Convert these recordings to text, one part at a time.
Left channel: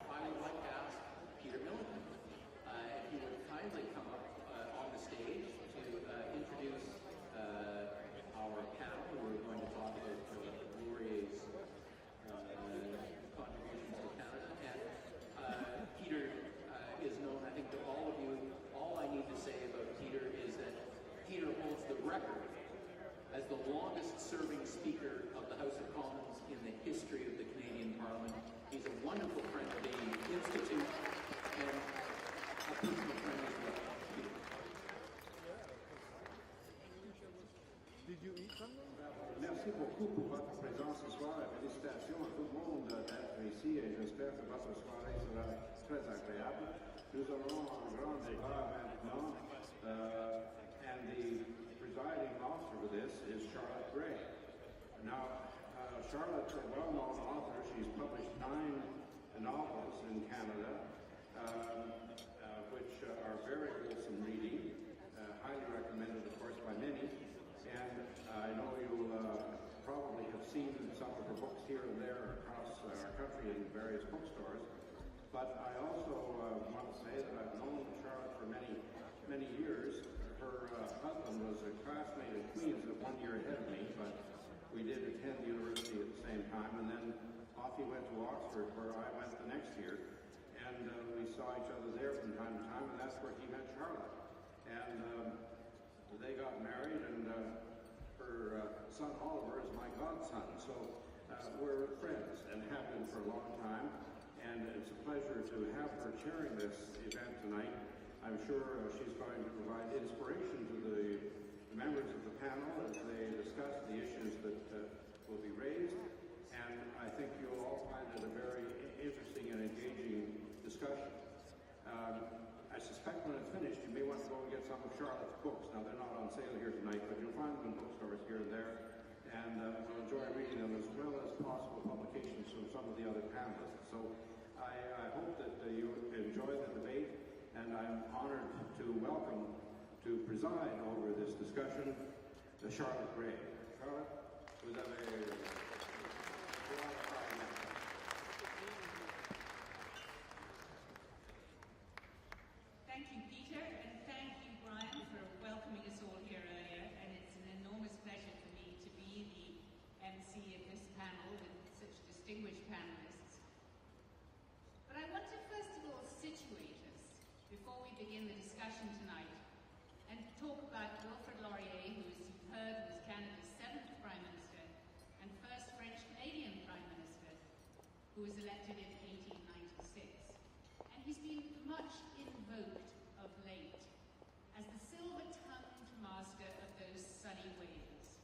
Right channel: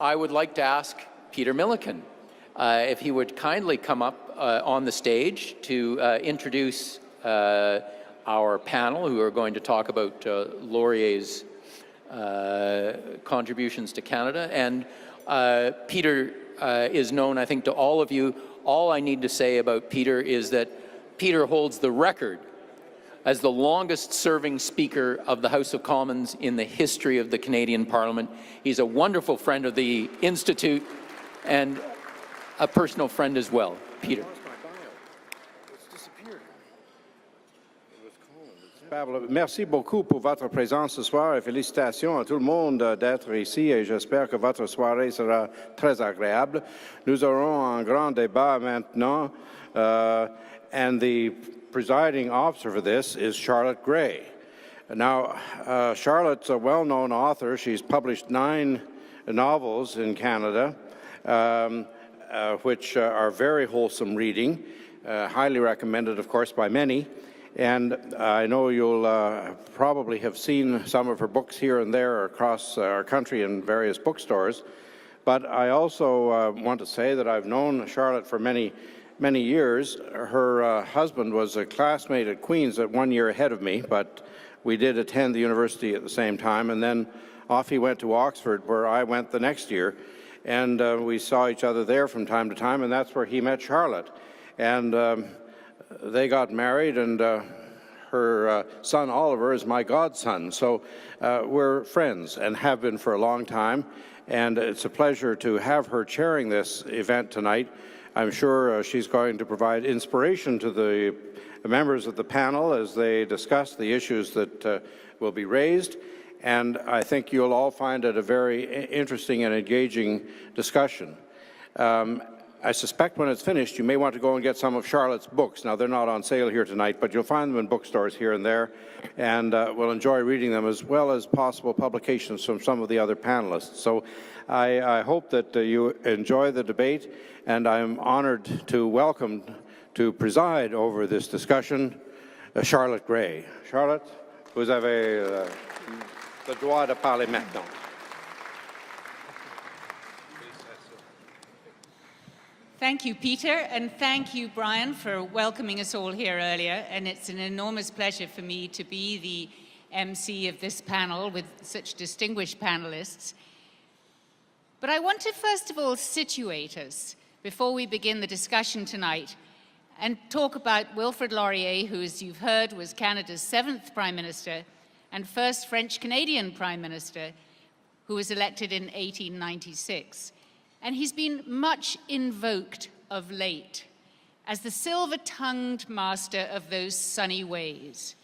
I would like to ask Peter Milliken if he would kindly come up on the stage to introduce our panel, who are going to talk about Laurier's contributions to Canada. And Peter is known, I think, to all of you. All I need to say about Peter is that Peter holds the record as the longest-serving Speaker of the House of Commons in the history of the Canadian Parliament. He's a wonderful friend of the Institute and a personal friend as well. Peter. Merci beaucoup pour votre présence ce soir et félicitations à tout le monde d'être ici et j'espère que votre soirée sera très agréable. Nous aurons un grand débat maintenant and the presiding officer for this is Charlotte Gray. Now, Charlotte's a well-known author. She's published 9 novels in Canada, which are very wholesome reading, highly recommended, of course, by many. And I know you'll probably have seen some of her books here and there across our country in various bookstores. But I also want to say that I've known Charlotte for many years. Her husband was a classmate at Queen's at 1 year ahead of me, but we did attend the university at the same time, and then off he went to Oxford, where I went the next year, and we saw each other there from time to time, and that's where he met Charlotte. And they got married, and her son Oliver is my godson, so we're friends and have been for a long time, and it's a pleasure to have her chairing this event tonight. I'm sure she's going to provide inspiration to the members of the panel as they discuss the issues that will be raised, and I think you'll all find it a very interesting and engaging discussion. I suspect when it's finished, you may want to go and get some of Charlotte's books. Now, they're not on sale here tonight, but you'll find them in bookstores here and there, and we'll enjoy reading them, as well as possible publications from some of the other panelists. So I hope that you enjoy the debate, and I'm honored to welcome, to preside over this discussion, Charlotte Gray. Charlotte, vous avez le droit de parler maintenant. Thank you, Peter, and thank you, Brian, for welcoming us all here earlier. And it's an enormous pleasure for me to be the MC of this panel with such distinguished panelists. But I want to first of all situate us before we begin the discussion tonight and talk about Wilfrid Laurier, who, as you've heard, was Canada's 7th Prime Minister and first French-Canadian Prime Minister, who was elected in 1896. And he's been much invoked of late as the silver-tongued master of those sunny ways.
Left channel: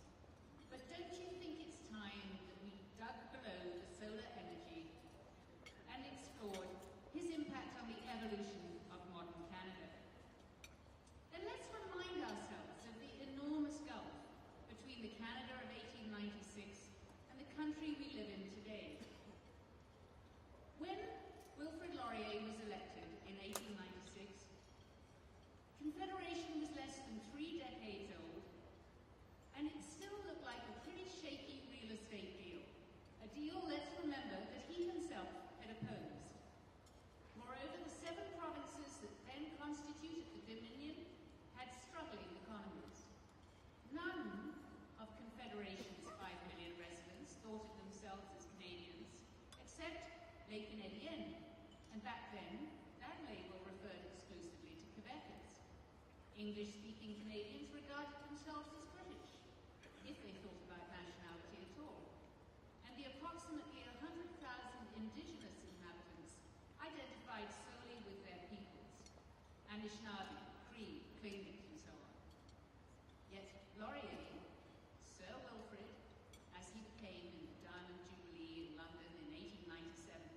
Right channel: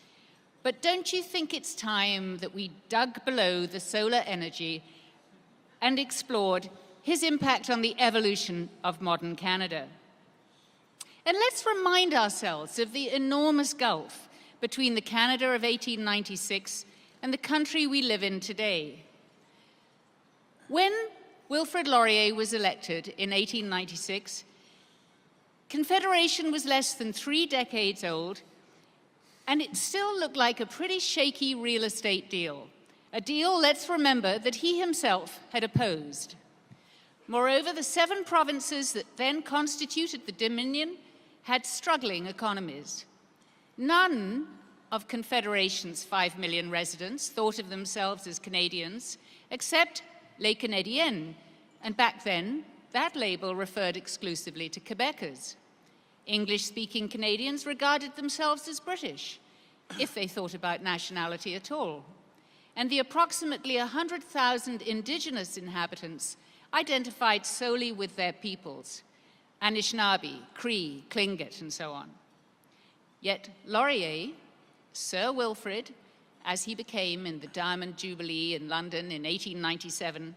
But don't you think it's time that we dug below the solar energy and explored his impact on the evolution of modern Canada? And let's remind ourselves of the enormous gulf between the Canada of 1896 and the country we live in today. When Wilfrid Laurier was elected in 1896, Confederation was less than 3 decades old, and it still looked like a pretty shaky real estate deal. A deal, let's remember, that he himself had opposed. Moreover, the 7 provinces that then constituted the Dominion had struggling economies. None of Confederation's 5 million residents thought of themselves as Canadians, except Les Canadiens, and back then, that label referred exclusively to Quebecers. English-speaking Canadians regarded themselves as British, if they thought about nationality at all. And the approximately 100,000 Indigenous inhabitants identified solely with their peoples, Anishinaabe, Cree, Tlingit, and so on. Yet Laurier, Sir Wilfrid, as he became in the Diamond Jubilee in London in 1897,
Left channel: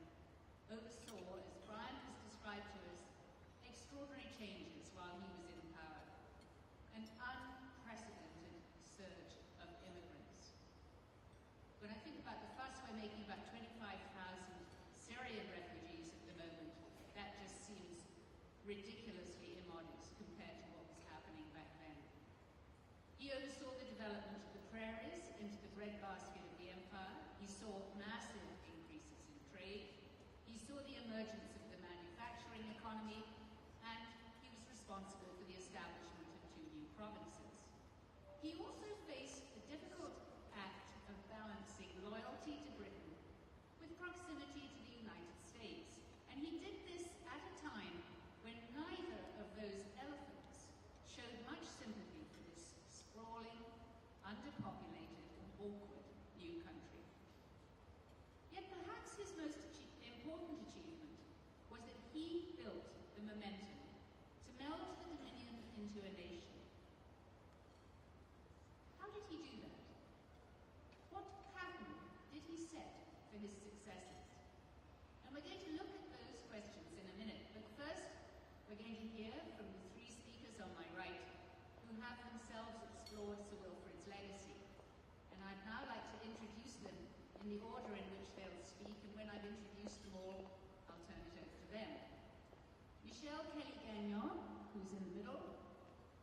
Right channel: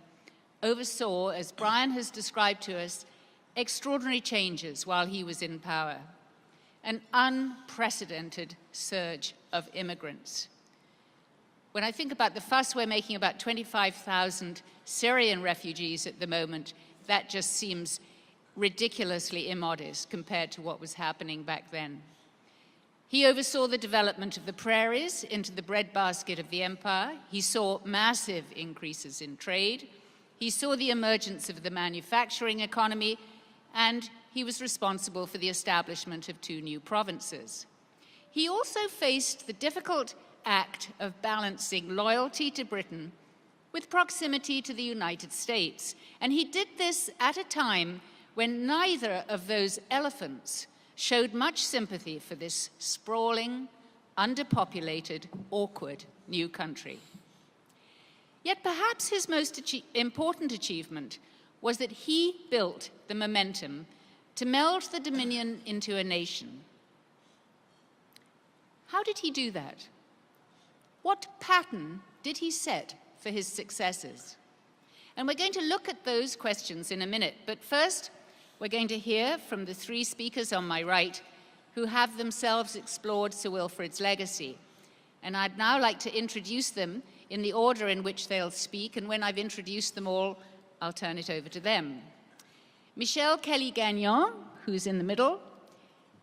oversaw, as Brian has described to us, extraordinary changes while he was in power, an unprecedented surge of immigrants. When I think about the fuss we're making about 25,000 Syrian refugees at the moment, that just seems ridiculously immodest compared to what was happening back then. He oversaw the development of the prairies into the breadbasket of the empire. He saw massive increases in trade. He saw the emergence of the manufacturing economy, and he was responsible for the establishment of 2 new provinces. He also faced the difficult act of balancing loyalty to Britain with proximity to the United States. And he did this at a time when neither of those elephants showed much sympathy for this sprawling, underpopulated, awkward new country. Yet perhaps his most important achievement was that he built the momentum to meld the Dominion into a nation. How did he do that? What pattern did he set for his successors? And we're going to look at those questions in a minute, but first, we're going to hear from the 3 speakers on my right who have themselves explored Sir Wilfrid's legacy. And I'd now like to introduce them in the order in which they'll speak, and when I've introduced them all, I'll turn it over to them. Michel Kelly-Gagnon, who's in the middle,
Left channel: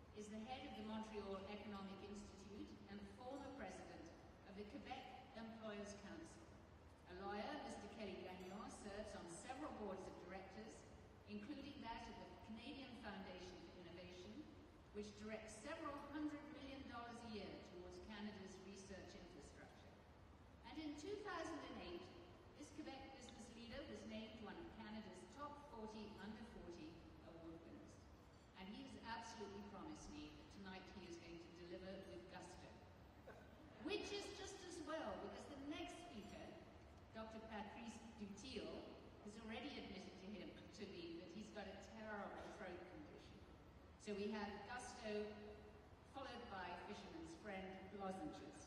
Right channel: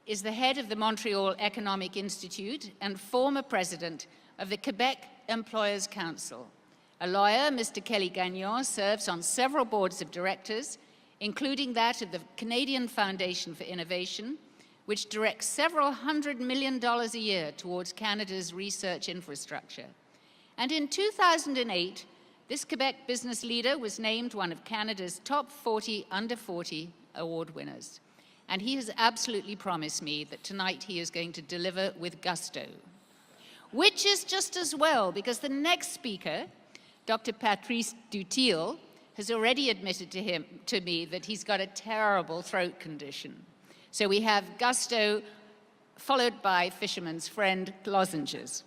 is the head of the Montreal Economic Institute and former president of the Quebec Employers Council. A lawyer, Mr. Kelly-Gagnon serves on several boards of directors, including that of the Canadian Foundation for Innovation, which directs several $100 million a year towards Canada's research infrastructure. And in 2008, this Quebec business leader was named one of Canada's top 40 under 40 award winners. And he has absolutely promised me that tonight he is going to deliver with gusto, which is just as well, because the next speaker, Dr. Patrice Dutil, has already admitted to me that he's got a terrible throat condition. So we have gusto followed by fisherman's friend lozenges.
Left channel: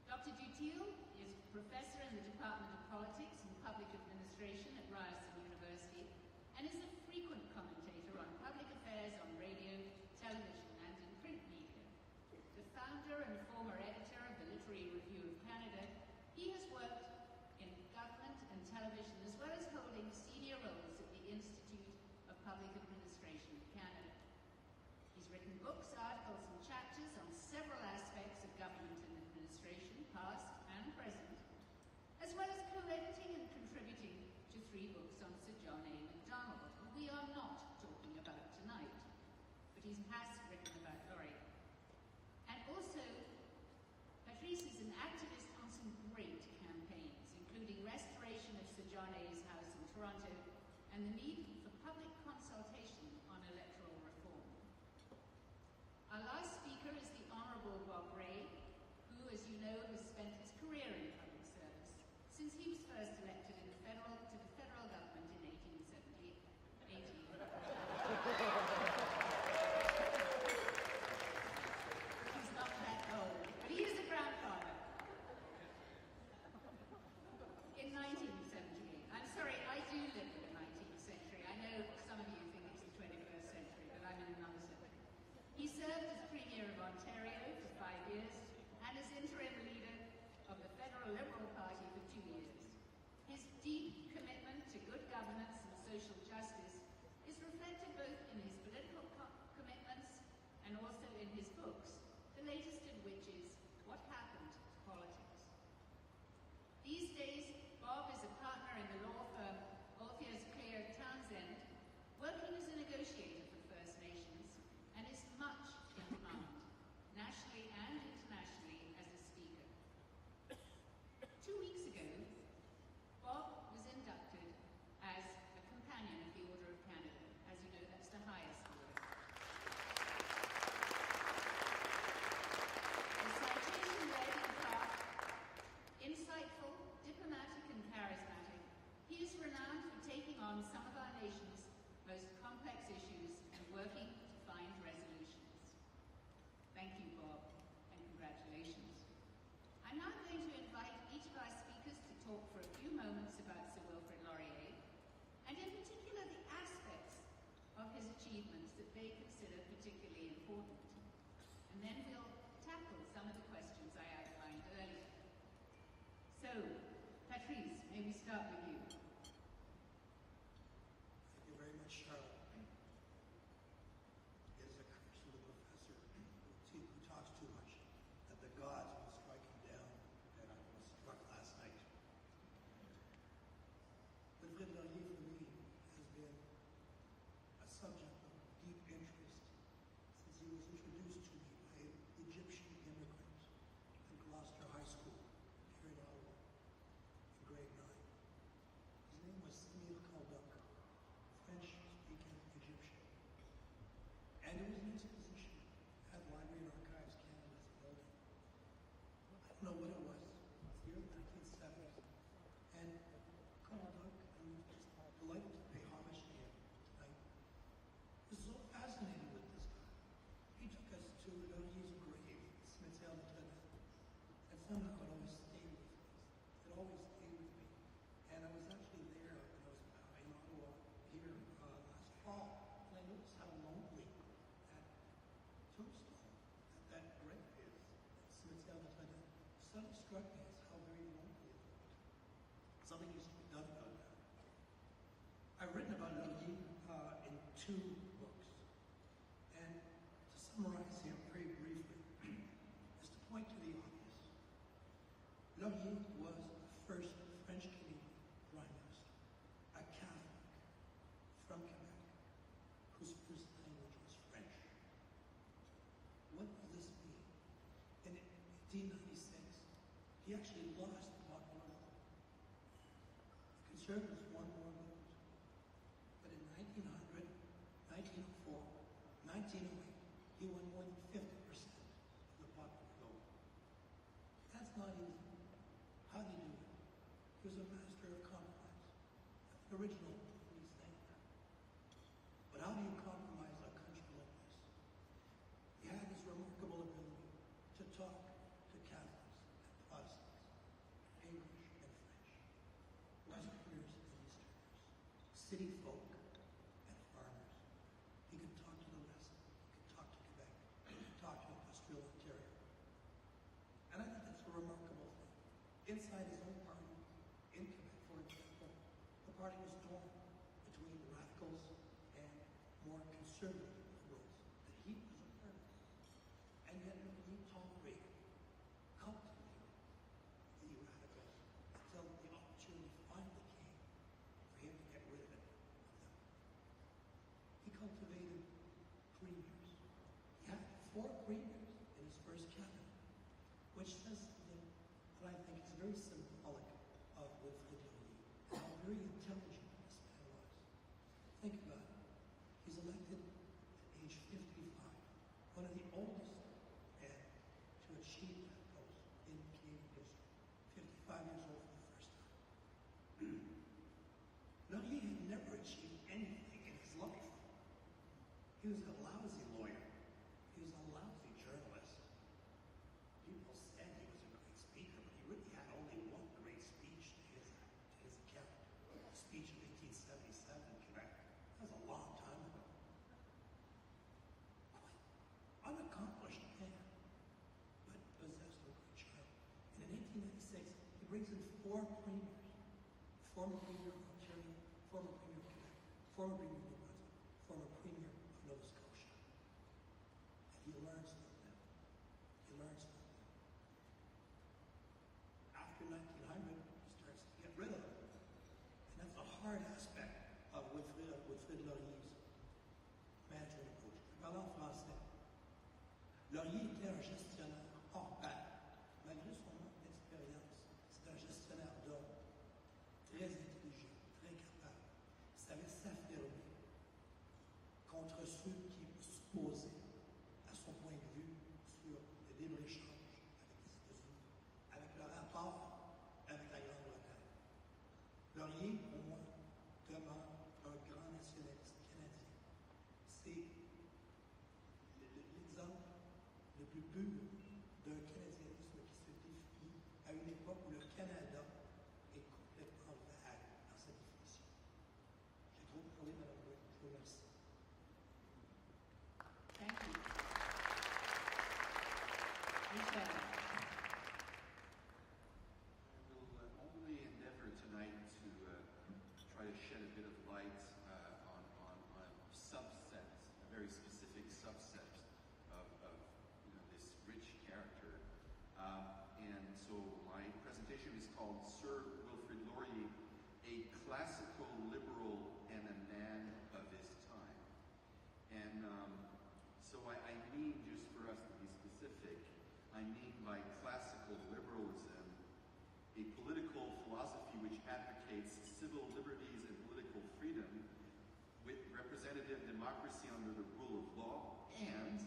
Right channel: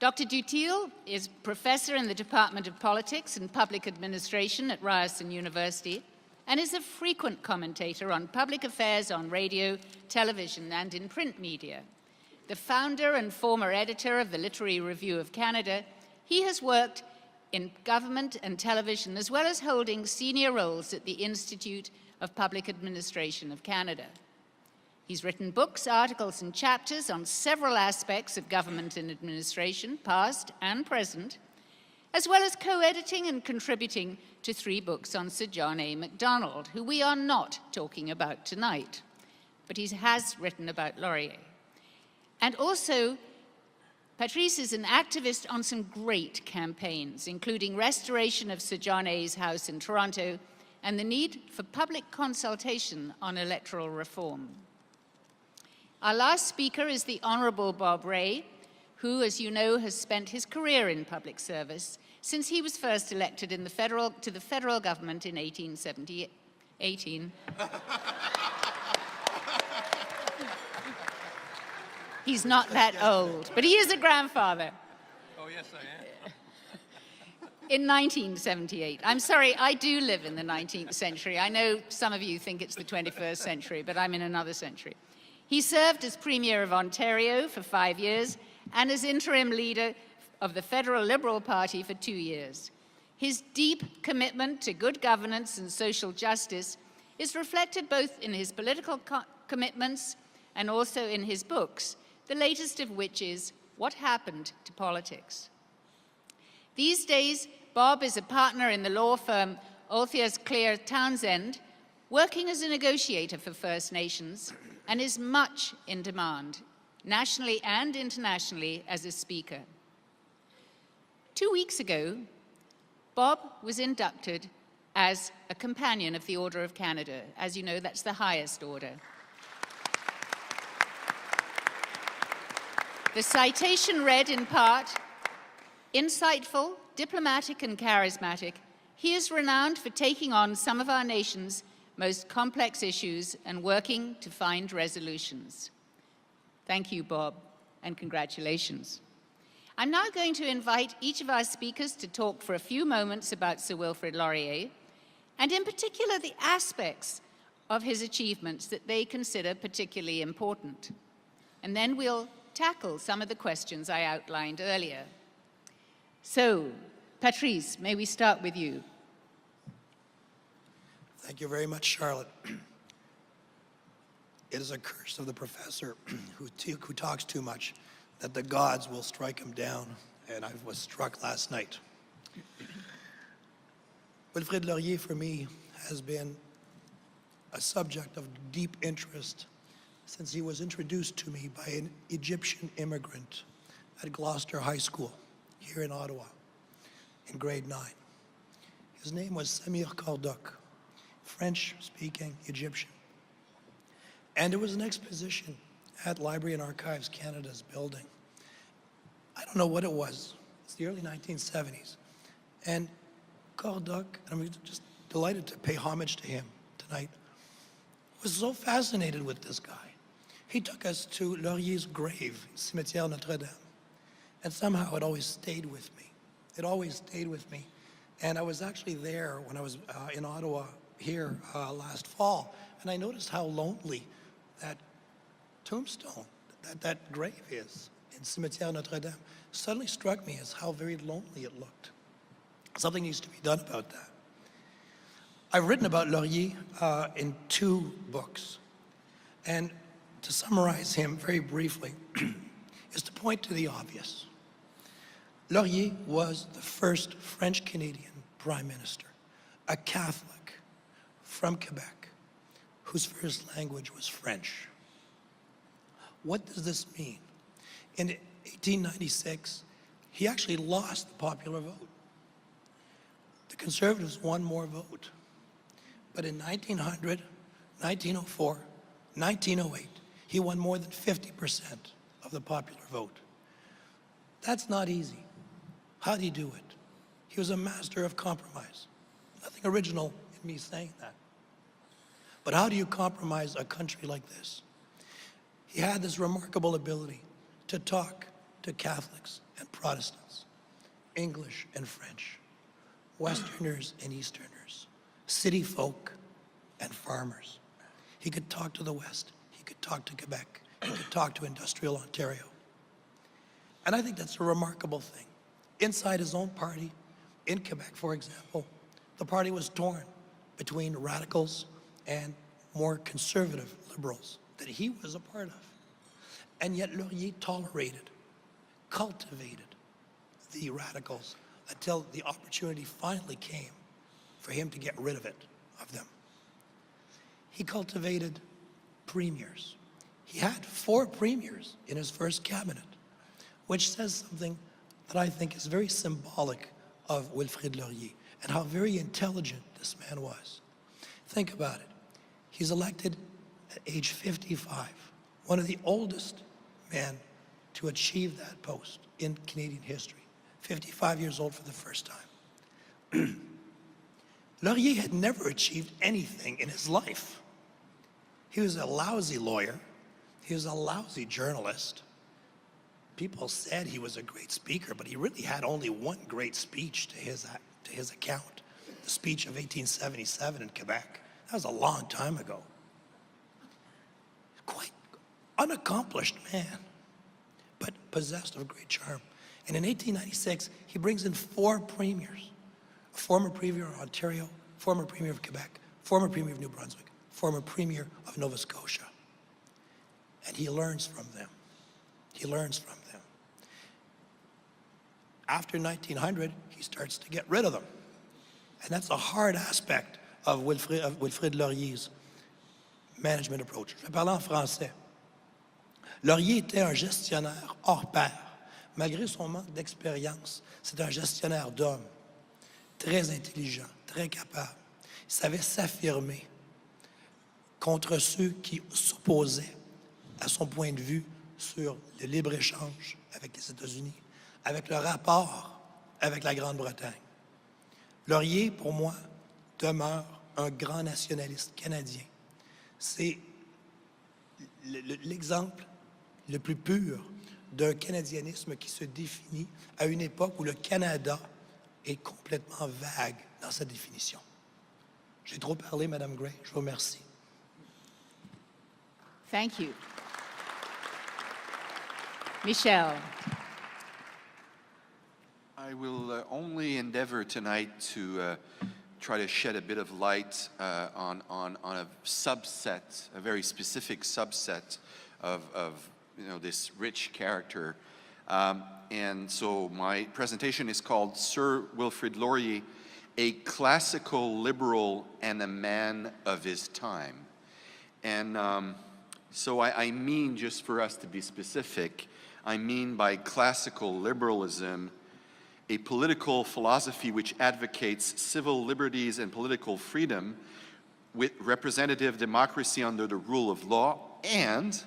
Dr. Dutil is professor in the Department of Politics and Public Administration at Ryerson University and is a frequent commentator on public affairs on radio, television, and in print media. The founder and former editor of the Literary Review of Canada, he has worked in government and television, as well as holding senior roles at the Institute of Public Administration of Canada. He's written books, articles, and chapters on several aspects of government and administration, past and present, as well as co-editing and contributing to 3 books on Sir John A. Macdonald, who we are not talking about tonight, but he has written about Laurier. And also, Patrice is an activist on some great campaigns, including restoration of Sir John A.'s house in Toronto and the need for public consultation on electoral reform. Our last speaker is the Honourable Bob Rae, who, as you know, has spent his career in public service since he was first elected to the federal government in 18. He's not that old, but he is a grandfather. Oh, yes, I am. In 1978. I'm sorry, I do live in the 19th century. I know some of you think it's the 21st century, but I'm in another century. He served as Premier of Ontario for 5 years and as interim leader of the Federal Liberal Party for 2 years. His deep commitment to good governance and social justice is reflected both in his political commitments and also in his books, the latest of which is What Happened to Politics? These days, Bob is a partner in the law firm Althias Clare Townsend, working as a negotiator for First Nations, and is much in demand, nationally and internationally, as a speaker. 2 weeks ago, Bob was inducted as a Companion of the Order of Canada. As you know, that's the highest order. The citation read in part, insightful, diplomatic, and charismatic, he is renowned for taking on some of our nation's most complex issues and working to find resolutions. Thank you, Bob, and congratulations. I'm now going to invite each of our speakers to talk for a few moments about Sir Wilfrid Laurier, and in particular the aspects of his achievements that they consider particularly important. And then we'll tackle some of the questions I outlined earlier. So, Patrice, may we start with you? Thank you very much, Charlotte. It is a curse of the professor who talks too much that the gods will strike him down, and I was struck last night. Wilfrid Laurier, for me, has been a subject of deep interest since he was introduced to me by an Egyptian immigrant at Gloucester High School here in Ottawa in grade 9. His name was Samir Karduk, French-speaking Egyptian. And there was an exposition at Library and Archives Canada's building. I don't know what it was. It's the early 1970s. And Karduk, I'm just delighted to pay homage to him tonight, was so fascinated with this guy. He took us to Laurier's grave, Cimetière Notre-Dame. And somehow it always stayed with me. It always stayed with me. And I was actually there when I was in Ottawa here last fall, and I noticed how lonely that tombstone, that grave is in Cimetière Notre-Dame. Suddenly struck me as how very lonely it looked. Something needs to be done about that. I've written about Laurier in 2 books, and to summarize him very briefly is to point to the obvious. Laurier was the first French-Canadian Prime Minister, a Catholic from Quebec, whose first language was French. What does this mean? In 1896, he actually lost the popular vote. The Conservatives won more vote. But in 1900, 1904, 1908, he won more than 50% of the popular vote. That's not easy. How did he do it? He was a master of compromise. Nothing original in me saying that. But how do you compromise a country like this? He had this remarkable ability to talk to Catholics and Protestants, English and French, Westerners and Easterners, city folk and farmers. He could talk to the West. He could talk to Quebec. He could talk to industrial Ontario. And I think that's a remarkable thing. Inside his own party, in Quebec, for example, the party was torn between radicals and more conservative liberals that he was a part of. And yet Laurier tolerated, cultivated the radicals until the opportunity finally came for him to get rid of them. He cultivated premiers. He had 4 premiers in his first cabinet, which says something that I think is very symbolic of Wilfrid Laurier and how very intelligent this man was. Think about it. He's elected at age 55, one of the oldest men to achieve that post in Canadian history, 55 years old for the first time. Laurier had never achieved anything in his life. He was a lousy lawyer. He was a lousy journalist. People said he was a great speaker, but he really had only one great speech to his account, the speech of 1877 in Quebec. That was a long time ago. Quite unaccomplished man, but possessed of great charm. And in 1896, he brings in 4 premiers, a former premier of Ontario, former premier of Quebec, former premier of New Brunswick, former premier of Nova Scotia. And he learns from them. He learns from them. After 1900, he starts to get rid of them. And that's a hard aspect of Wilfrid Laurier's management approach. Je vais parler en français. Laurier était un gestionnaire hors pair. Malgré son manque d'expérience, c'est un gestionnaire d'hommes, très intelligent, très capable. Il savait s'affirmer contre ceux qui s'opposaient à son point de vue sur le libre-échange avec les États-Unis, avec le rapport avec la Grande-Bretagne. Laurier, pour moi, demeure un grand nationaliste canadien. C'est l'exemple le plus pur d'un canadianisme qui se définit à une époque où le Canada est complètement vague dans sa définition. J'ai trop parlé, Madame Gray. Je vous remercie. Thank you. Michel. I will only endeavor tonight to try to shed a bit of light on a subset, a very specific subset of this rich character. And so my presentation is called Sir Wilfrid Laurier a classical liberal and a man of his time. And so I mean, just for us to be specific, I mean by classical liberalism, a political philosophy which advocates civil liberties and political freedom with representative democracy under the rule of law and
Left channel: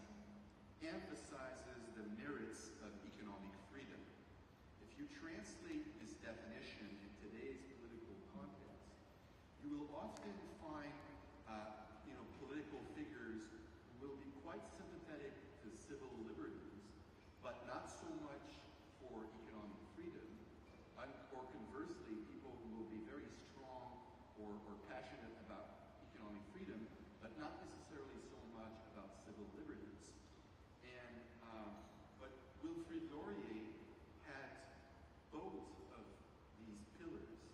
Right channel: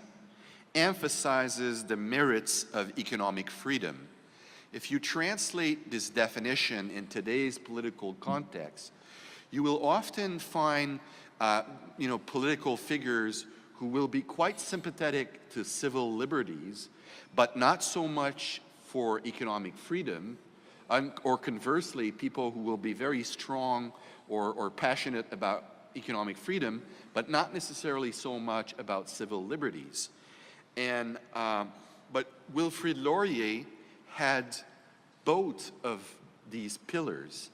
emphasizes the merits of economic freedom. If you translate this definition in today's political context, you will often find political figures who will be quite sympathetic to civil liberties, but not so much for economic freedom, or conversely, people who will be very strong or passionate about economic freedom, but not necessarily so much about civil liberties. And but Wilfrid Laurier had both of these pillars.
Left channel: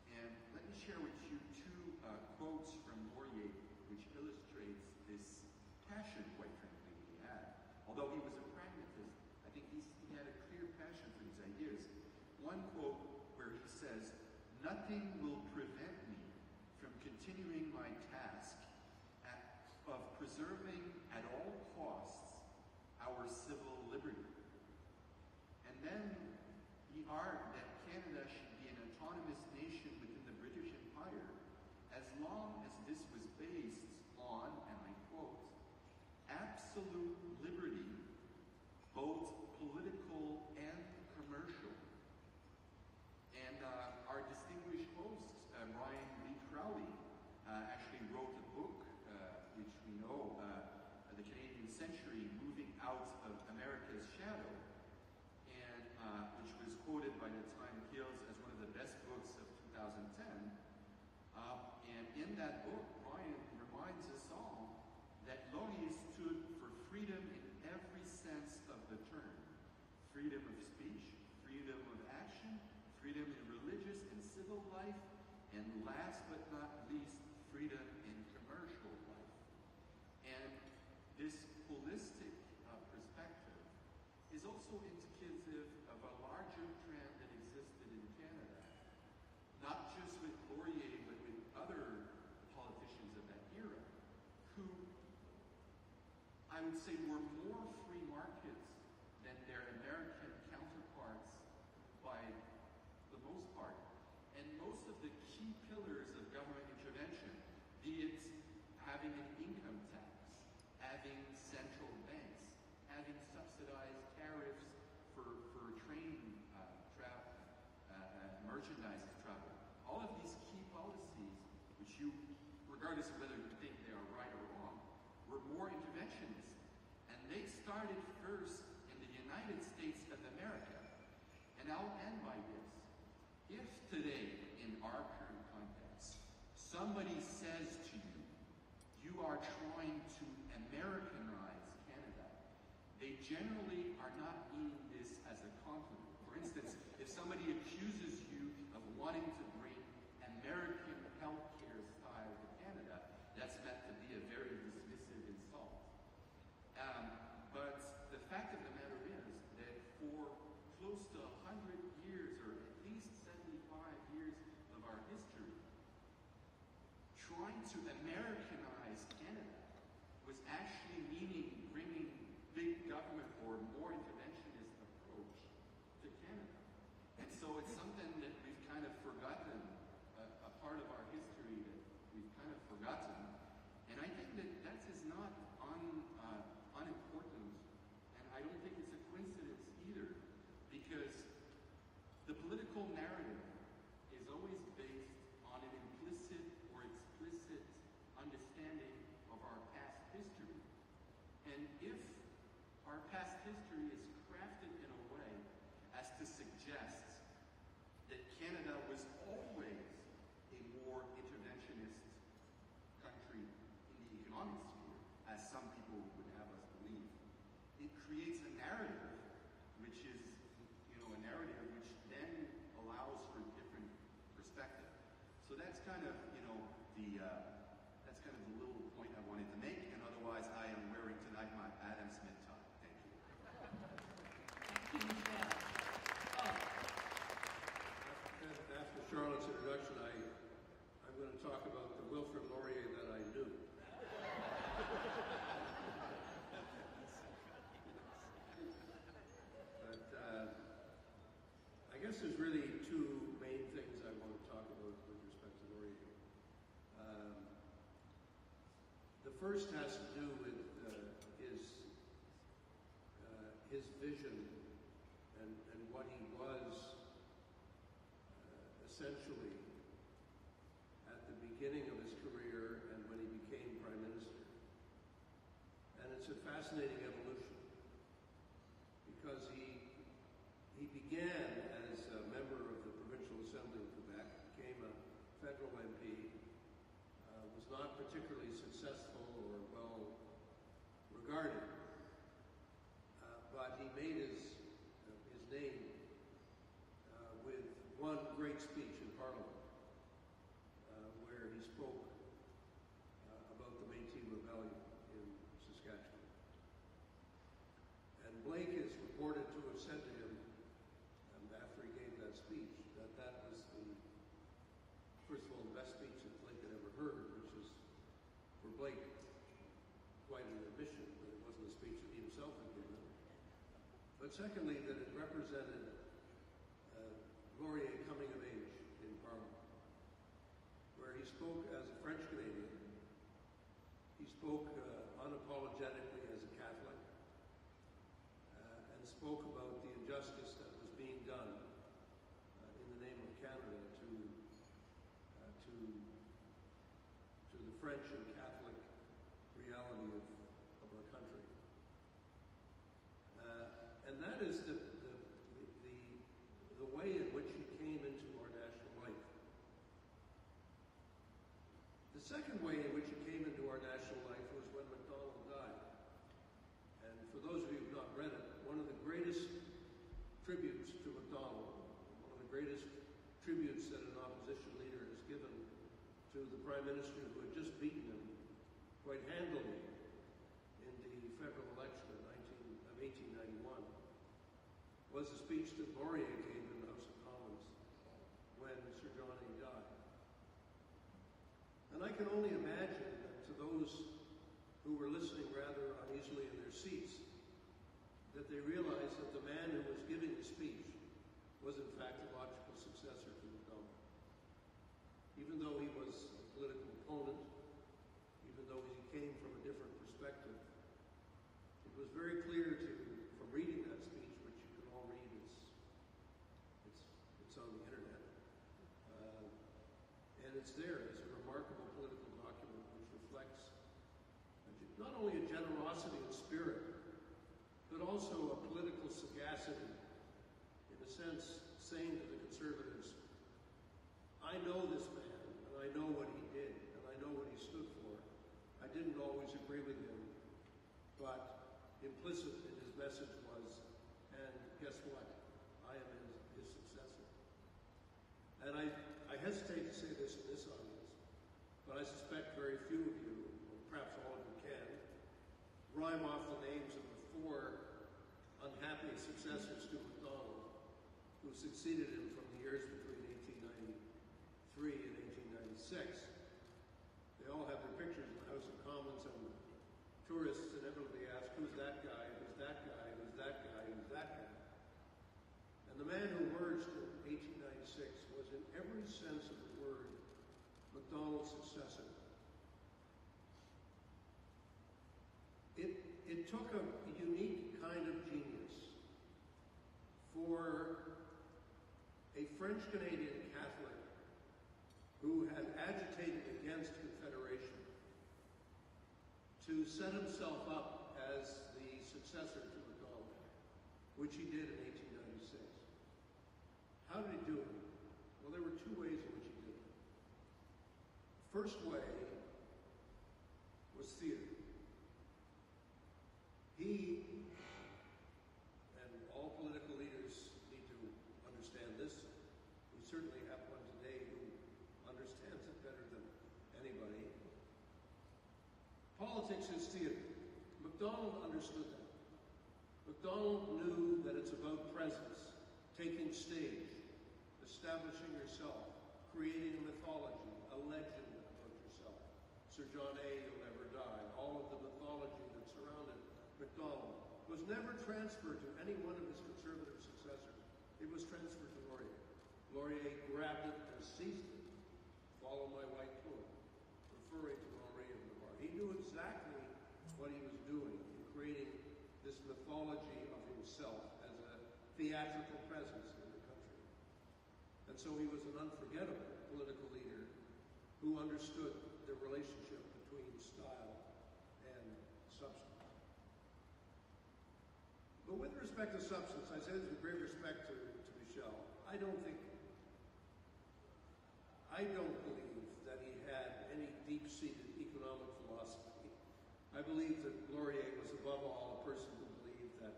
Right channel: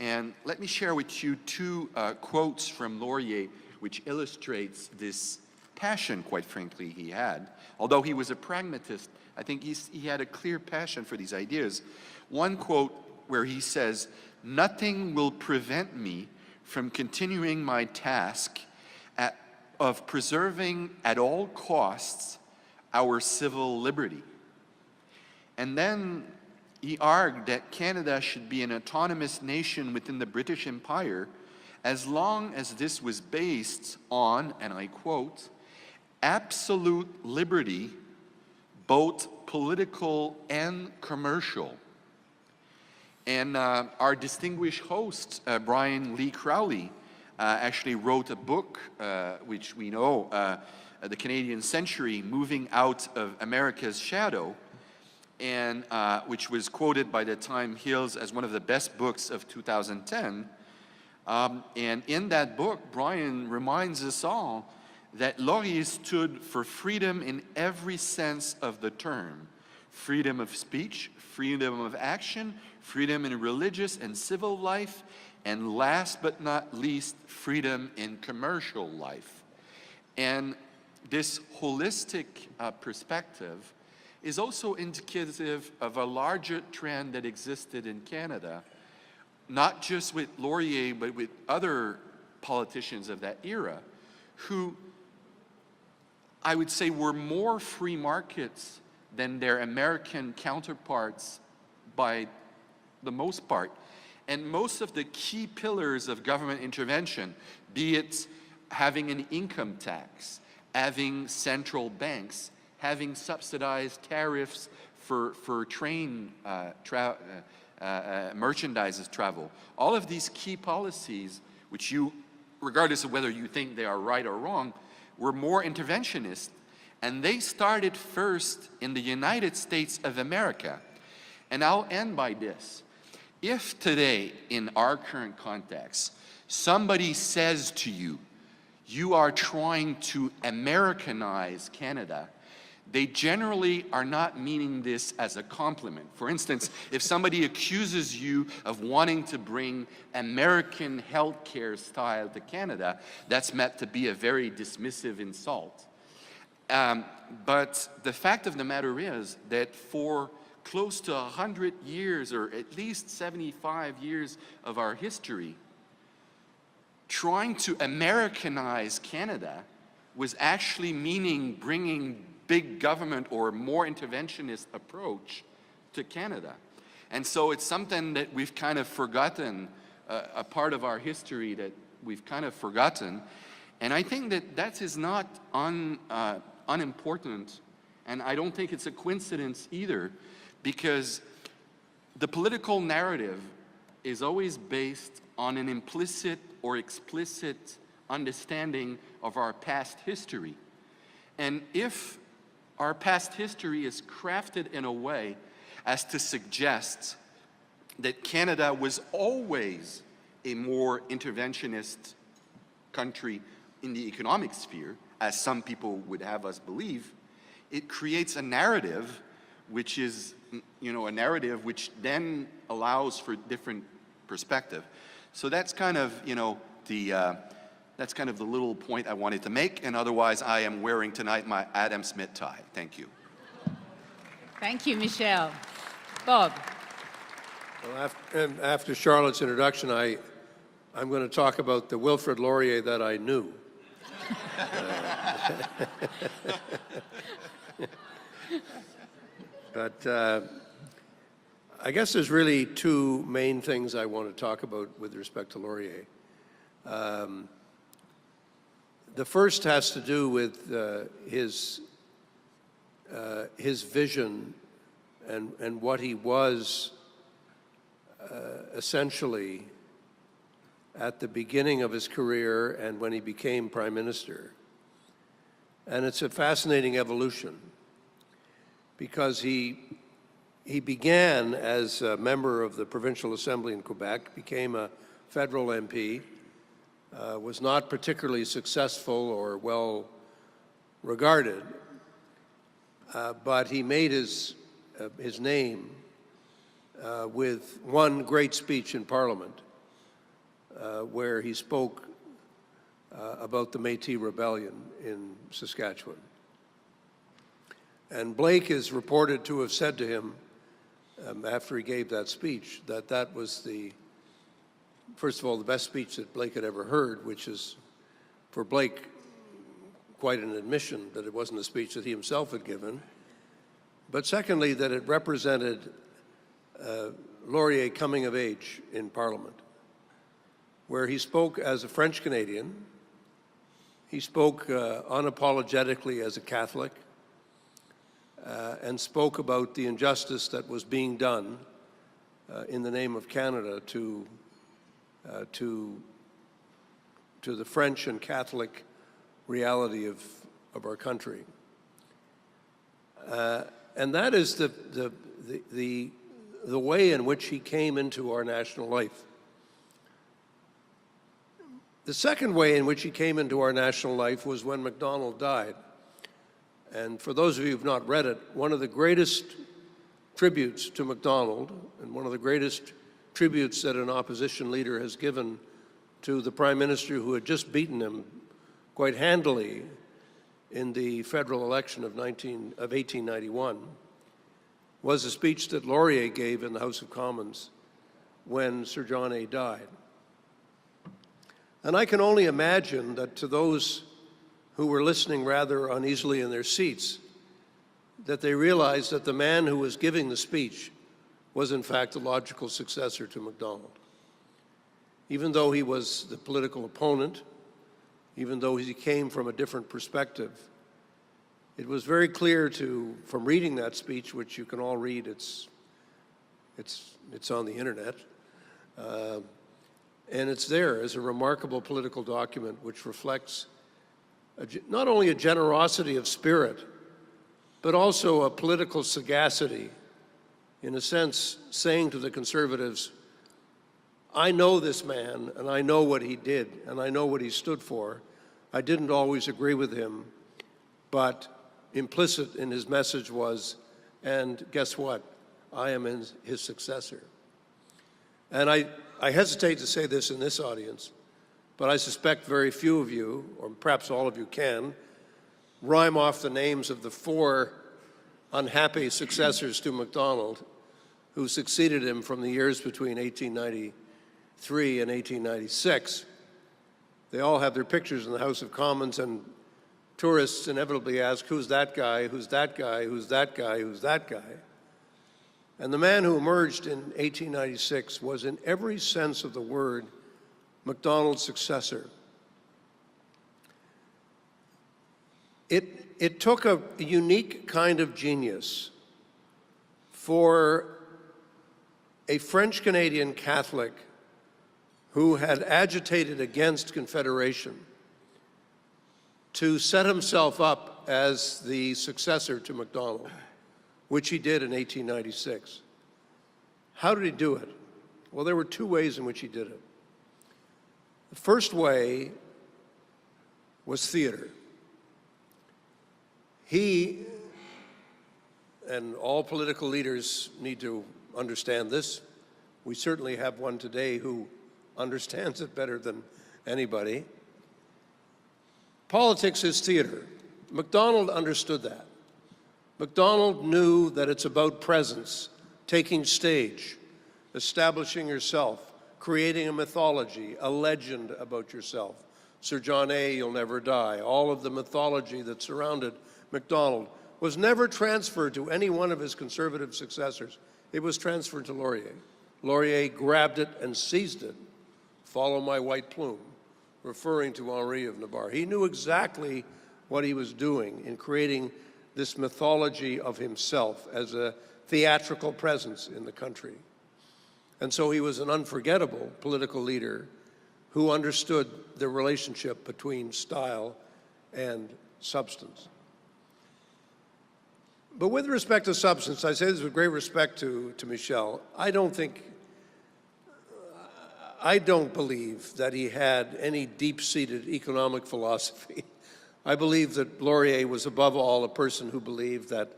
And let me share with you two quotes from Laurier, which illustrates this passion, quite frankly, he had. Although he was a pragmatist, I think he had a clear passion for these ideas. One quote where he says, "Nothing will prevent me from continuing my task of preserving at all costs our civil liberty." And then he argued that Canada should be an autonomous nation within the British Empire as long as this was based on, and I quote, "absolute liberty, both political and commercial." And our distinguished host, Brian Lee Crowley, actually wrote a book, which we know, The Canadian Century, Moving Out of America's Shadow, and which was quoted by the Times Hills as one of the best books of 2010. And in that book, Brian reminds us all that Laurier stood for freedom in every sense of the term. Freedom of speech, freedom of action, freedom in religious and civil life, and last but not least, freedom in commercial life. And this holistic perspective is also indicative of a larger trend that existed in Canada, not just with Laurier, but with other politicians of that era, who I would say were more free markets than their American counterparts by the most part. And most of the key pillars of government intervention, be it having an income tax, having central banks, having subsidized tariffs for train merchandise travel, all of these key policies, which you, regardless of whether you think they are right or wrong, were more interventionist. And they started first in the United States of America. And I'll end by this. If today, in our current context, somebody says to you, you are trying to Americanize Canada, they generally are not meaning this as a compliment. For instance, if somebody accuses you of wanting to bring American healthcare style to Canada, that's meant to be a very dismissive insult. But the fact of the matter is that for close to 100 years, or at least 75 years of our history, trying to Americanize Canada was actually meaning bringing big government or more interventionist approach to Canada. And so it's something that we've kind of forgotten, a part of our history that we've kind of forgotten. And I think that is not unimportant, and I don't think it's a coincidence either, because the political narrative is always based on an implicit or explicit understanding of our past history. And if our past history is crafted in a way as to suggest that Canada was always a more interventionist country in the economic sphere, as some people would have us believe, it creates a narrative which is, a narrative which then allows for different perspective. So that's kind of, that's kind of the little point I wanted to make, and otherwise I am wearing tonight my Adam Smith tie. Thank you. Thank you, Michel. Bob. Well, after Charlotte's introduction, I'm going to talk about the Wilfrid Laurier that I knew. But I guess there's really two main things I want to talk about with respect to Laurier. The first has to do with his vision and what he was essentially at the beginning of his career and when he became Prime Minister. And it's a fascinating evolution because he began as a member of the Provincial Assembly in Quebec, became a federal MP, was not particularly successful or well regarded, but he made his name with one great speech in Parliament where he spoke about the Métis Rebellion in Saskatchewan. And Blake is reported to have said to him after he gave that speech that that was first of all, the best speech that Blake had ever heard, which is, for Blake, quite an admission that it wasn't a speech that he himself had given. But secondly, that it represented Laurier coming of age in Parliament, where he spoke as a French Canadian, he spoke unapologetically as a Catholic, and spoke about the injustice that was being done in the name of Canada to the French and Catholic reality of our country. And that is the way in which he came into our national life. The second way in which he came into our national life was when Macdonald died. And for those of you who've not read it, one of the greatest tributes to Macdonald, and one of the greatest tributes that an opposition leader has given to the Prime Minister who had just beaten him quite handily in the federal election of 1891, was a speech that Laurier gave in the House of Commons when Sir John A. died. And I can only imagine that to those who were listening rather uneasily in their seats, that they realized that the man who was giving the speech was in fact the logical successor to Macdonald. Even though he was the political opponent, even though he came from a different perspective, it was very clear from reading that speech, which you can all read, it's on the internet, and it's there as a remarkable political document which reflects not only a generosity of spirit, but also a political sagacity, in a sense, saying to the Conservatives, I know this man, and I know what he did, and I know what he stood for. I didn't always agree with him, but implicit in his message was, and guess what? I am his successor. And I hesitate to say this in this audience, but I suspect very few of you, or perhaps all of you can, rhyme off the names of the 4 unhappy successors to Macdonald who succeeded him from the years between 1893 and 1896. They all have their pictures in the House of Commons, and tourists inevitably ask, who's that guy, who's that guy, who's that guy, who's that guy? And the man who emerged in 1896 was, in every sense of the word, Macdonald's successor. It took a unique kind of genius for a French-Canadian Catholic who had agitated against Confederation to set himself up as the successor to Macdonald, which he did in 1896. How did he do it? Well, there were 2 ways in which he did it. The first way was theater. He, and all political leaders need to understand this, we certainly have one today who understands it better than anybody. Politics is theater. Macdonald understood that. Macdonald knew that it's about presence, taking stage, establishing yourself, creating a mythology, a legend about yourself. Sir John A., You'll Never Die, all of the mythology that surrounded Macdonald was never transferred to any one of his conservative successors. It was transferred to Laurier. Laurier grabbed it and seized it. Follow my white plume, referring to Henri of Navarre. He knew exactly what he was doing in creating this mythology of himself as a theatrical presence in the country. And so he was an unforgettable political leader who understood the relationship between style and substance. But with respect to substance, I say this with great respect to Michel, I don't believe that he had any deep-seated economic philosophy. I believe that Laurier was above all a person who believed that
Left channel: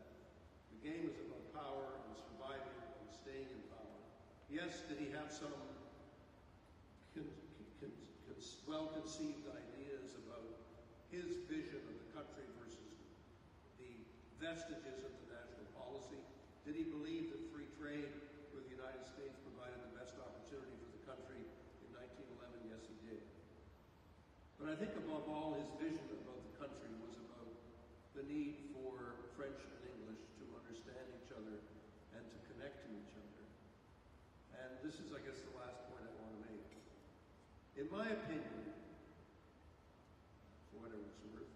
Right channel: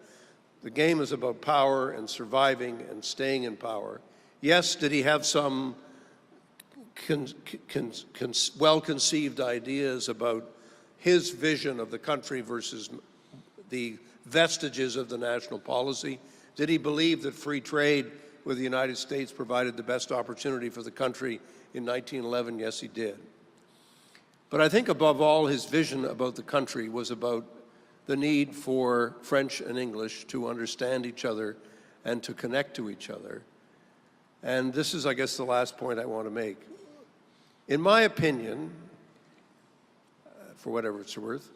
the game is about power and surviving and staying in power. Yes, did he have some well-conceived ideas about his vision of the country versus the vestiges of the national policy? Did he believe that free trade with the United States provided the best opportunity for the country in 1911? Yes, he did. But I think above all, his vision about the country was about the need for French and English to understand each other and to connect to each other. And this is, I guess, the last point I want to make. In my opinion, for whatever it's worth,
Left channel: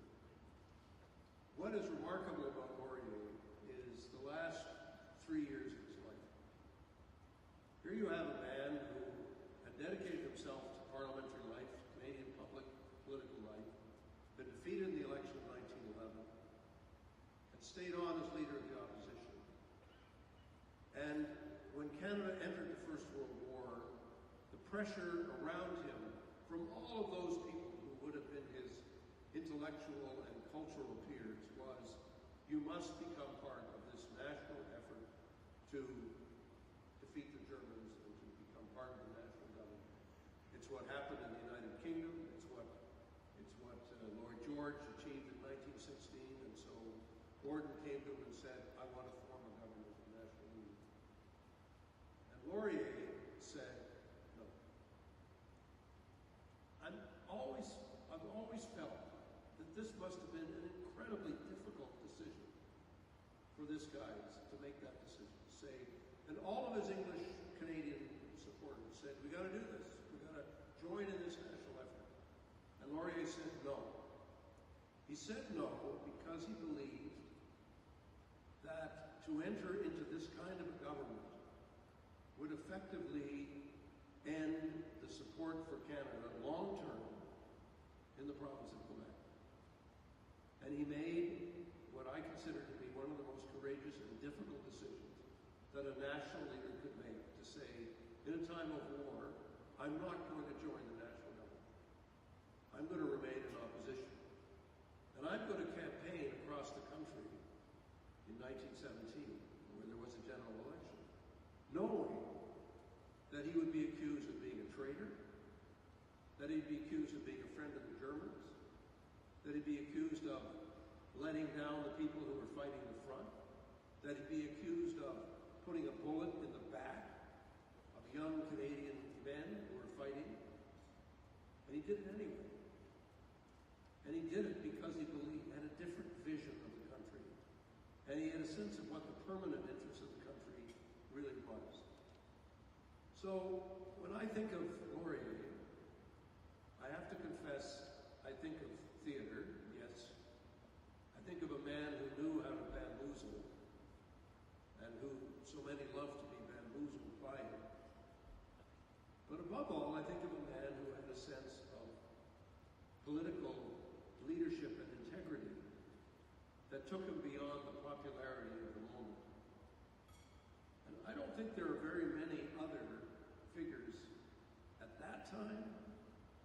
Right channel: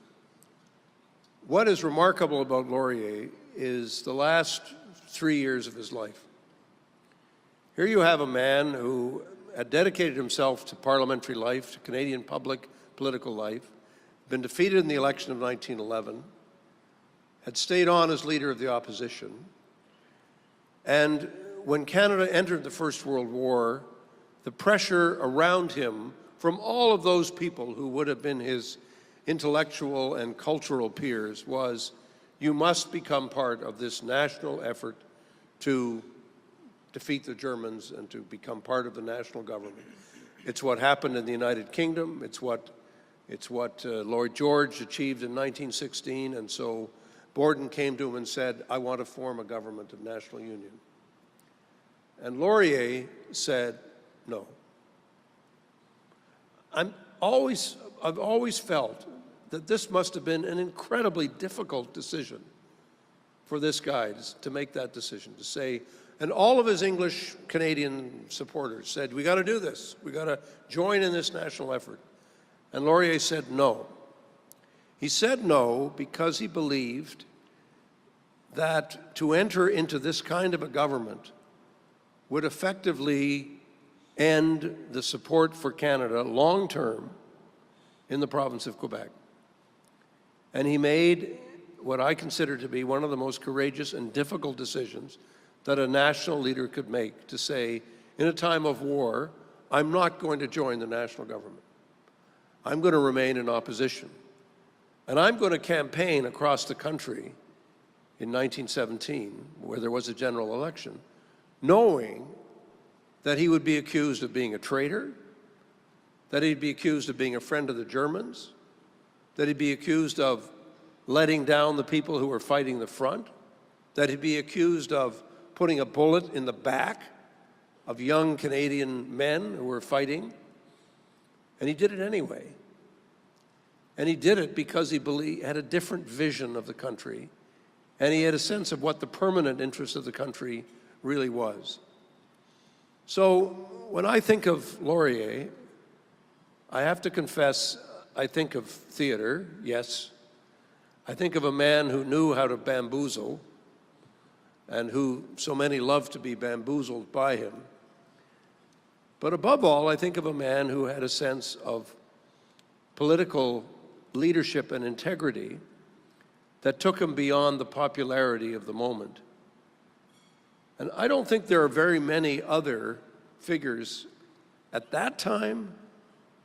what is remarkable about Laurier is the last 3 years of his life. Here you have a man who had dedicated himself to parliamentary life, to Canadian public political life, been defeated in the election of 1911, had stayed on as leader of the opposition, and when Canada entered the First World War, the pressure around him from all of those people who would have been his intellectual and cultural peers was, you must become part of this national effort to defeat the Germans and to become part of the national government. It's what happened in the United Kingdom. It's what Lloyd George achieved in 1916, and so Borden came to him and said, I want to form a government of national union. And Laurier said, no. I've always felt that this must have been an incredibly difficult decision for this guy to make that decision, to say, and all of his English Canadian supporters said, we got to do this. We got to join in this national effort. And Laurier said no. He said no because he believed that to enter into this kind of a government would effectively end the support for Canada long-term in the province of Quebec. And he made what I consider to be one of the most courageous and difficult decisions that a national leader could make, to say, in a time of war, I'm not going to join the national government. I'm going to remain in opposition. And I'm going to campaign across the country in 1917, where there was a general election, knowing that he would be accused of being a traitor, that he'd be accused of being a friend of the Germans, that he'd be accused of letting down the people who were fighting the front, that he'd be accused of putting a bullet in the back of young Canadian men who were fighting. And he did it anyway. And he did it because he had a different vision of the country, and he had a sense of what the permanent interest of the country really was. So when I think of Laurier, I have to confess, I think of theater, yes. I think of a man who knew how to bamboozle, and who so many love to be bamboozled by him. But above all, I think of a man who had a sense of political leadership and integrity that took him beyond the popularity of the moment. And I don't think there are very many other figures at that time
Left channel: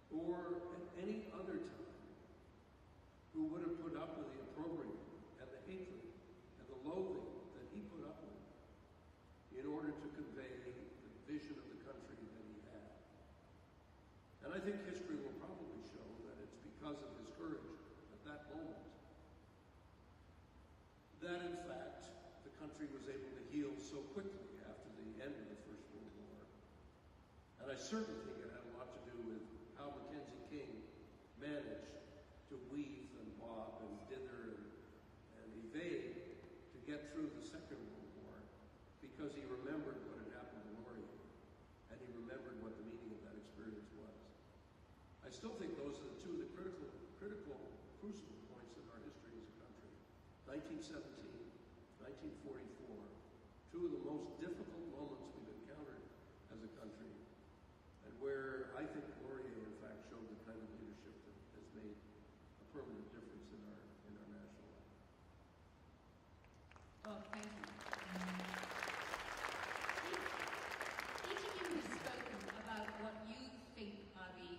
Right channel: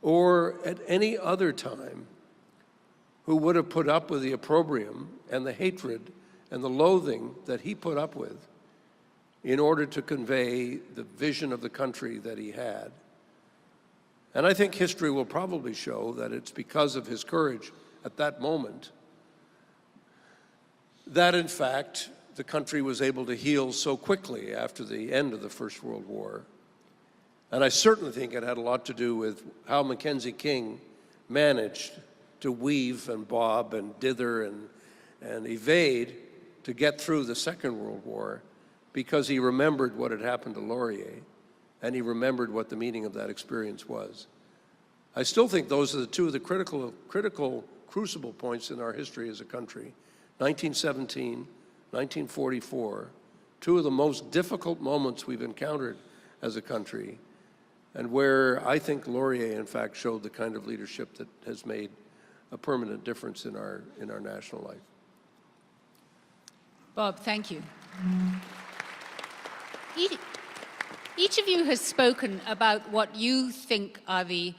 or at any other time who would have put up with the opprobrium and the hatred and the loathing that he put up with in order to convey the vision of the country that he had. And I think history will probably show that it's because of his courage at that moment that, in fact, the country was able to heal so quickly after the end of the First World War. And I certainly think it had a lot to do with how Mackenzie King managed to weave and bob and dither and evade to get through the Second World War, because he remembered what had happened to Laurier, and he remembered what the meaning of that experience was. I still think those are the two of the critical crucible points in our history as a country. 1917, 1944, two of the most difficult moments we've encountered as a country, and where I think Laurier, in fact, showed the kind of leadership that has made a permanent difference in our national life. Bob, thank you. Each of you has spoken about what you think are the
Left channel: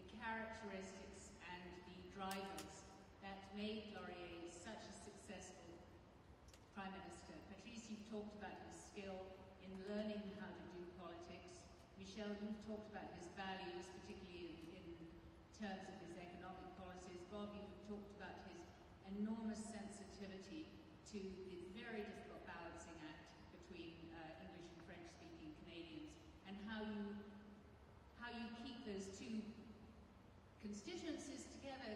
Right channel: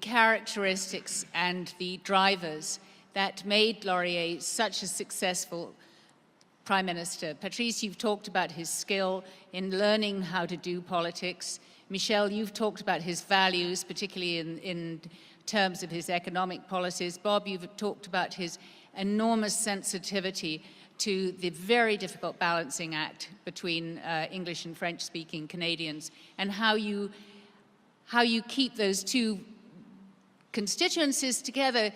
characteristics and the drivers that made Laurier such a successful Prime Minister. Patrice, you've talked about his skill in learning how to do politics. Michel, you've talked about his values, particularly in terms of his economic policies. Bob, you've talked about his enormous sensitivity to the very difficult balancing act between English and French-speaking Canadians, and how you keep those two constituencies together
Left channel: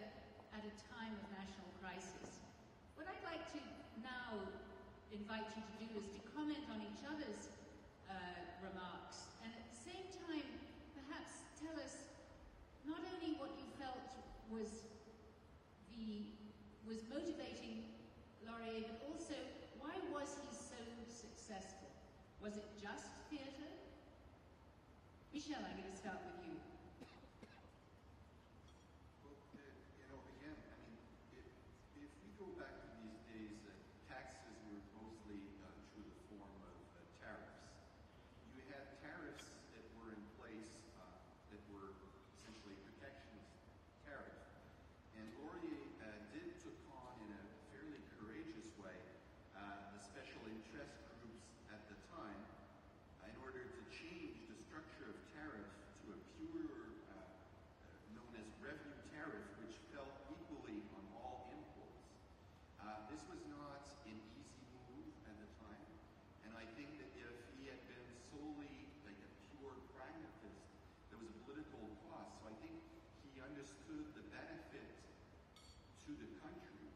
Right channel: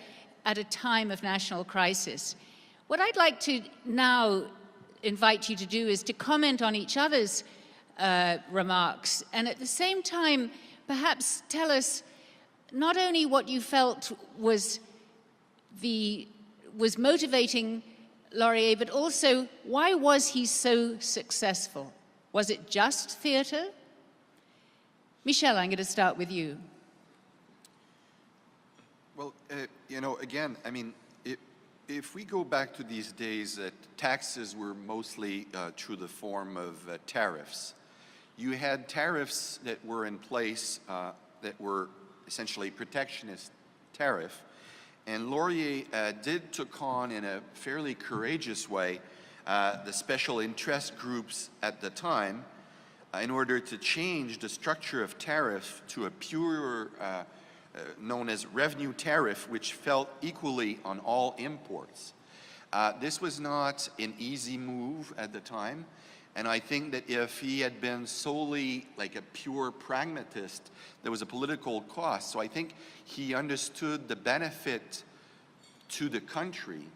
at a time of national crisis. What I'd like to now invite you to do is to comment on each other's remarks, and at the same time, perhaps tell us not only what you felt was motivating Laurier, but also why was he so successful? Was it just theater? Michel, I'm going to start with you. Well, you know, again, I mean, if we go back to these days, taxes were mostly through the form of tariffs. You had tariffs that were in place that were essentially protectionist tariff, and Laurier took on in a fairly courageous way the special interest groups at the time in order to change the structure of tariff to a pure known as revenue tariff, which felt equally on all imports. This was not an easy move at the time, and I think that if he had been solely like a pure pragmatist, there was a political cost. So I think he understood the benefit to the country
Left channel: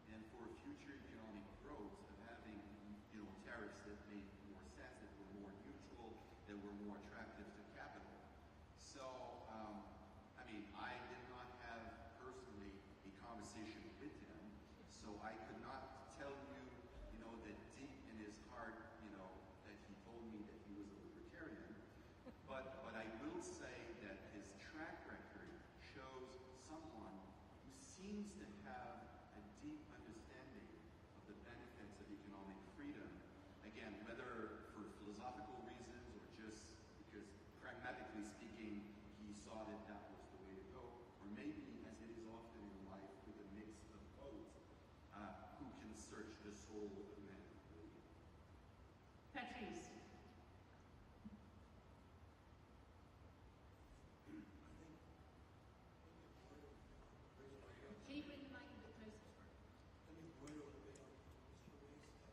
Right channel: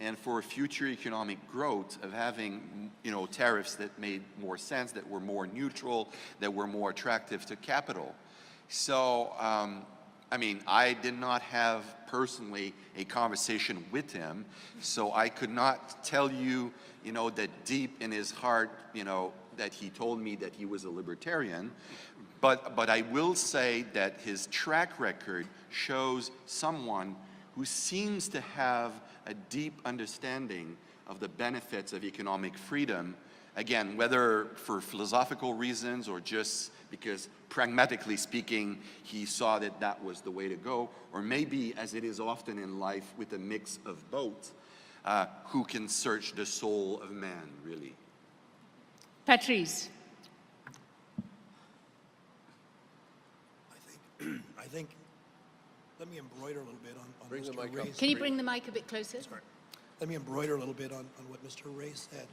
and for future economic growth of having, you know, tariffs that made more sense, that were more neutral, that were more attractive to capital. So, I mean, I did not have personally a conversation with him, so I could not tell you, you know, that deep in his heart, you know, that he told me that he was a libertarian. But I will say that his track record shows someone who seems to have a deep understanding of the benefits of economic freedom, again, whether for philosophical reasons or just because pragmatically speaking, he saw that that was the way to go, or maybe, as it is often in life, with a mix of both, who can search the soul of man, really. Patrice. I think, let me embroider a little bit on Bring the Mr. mic up. Ray's. Can you bring the mic a bit closer? Sorry. Let me embroider a little bit on what Mr. Ray said.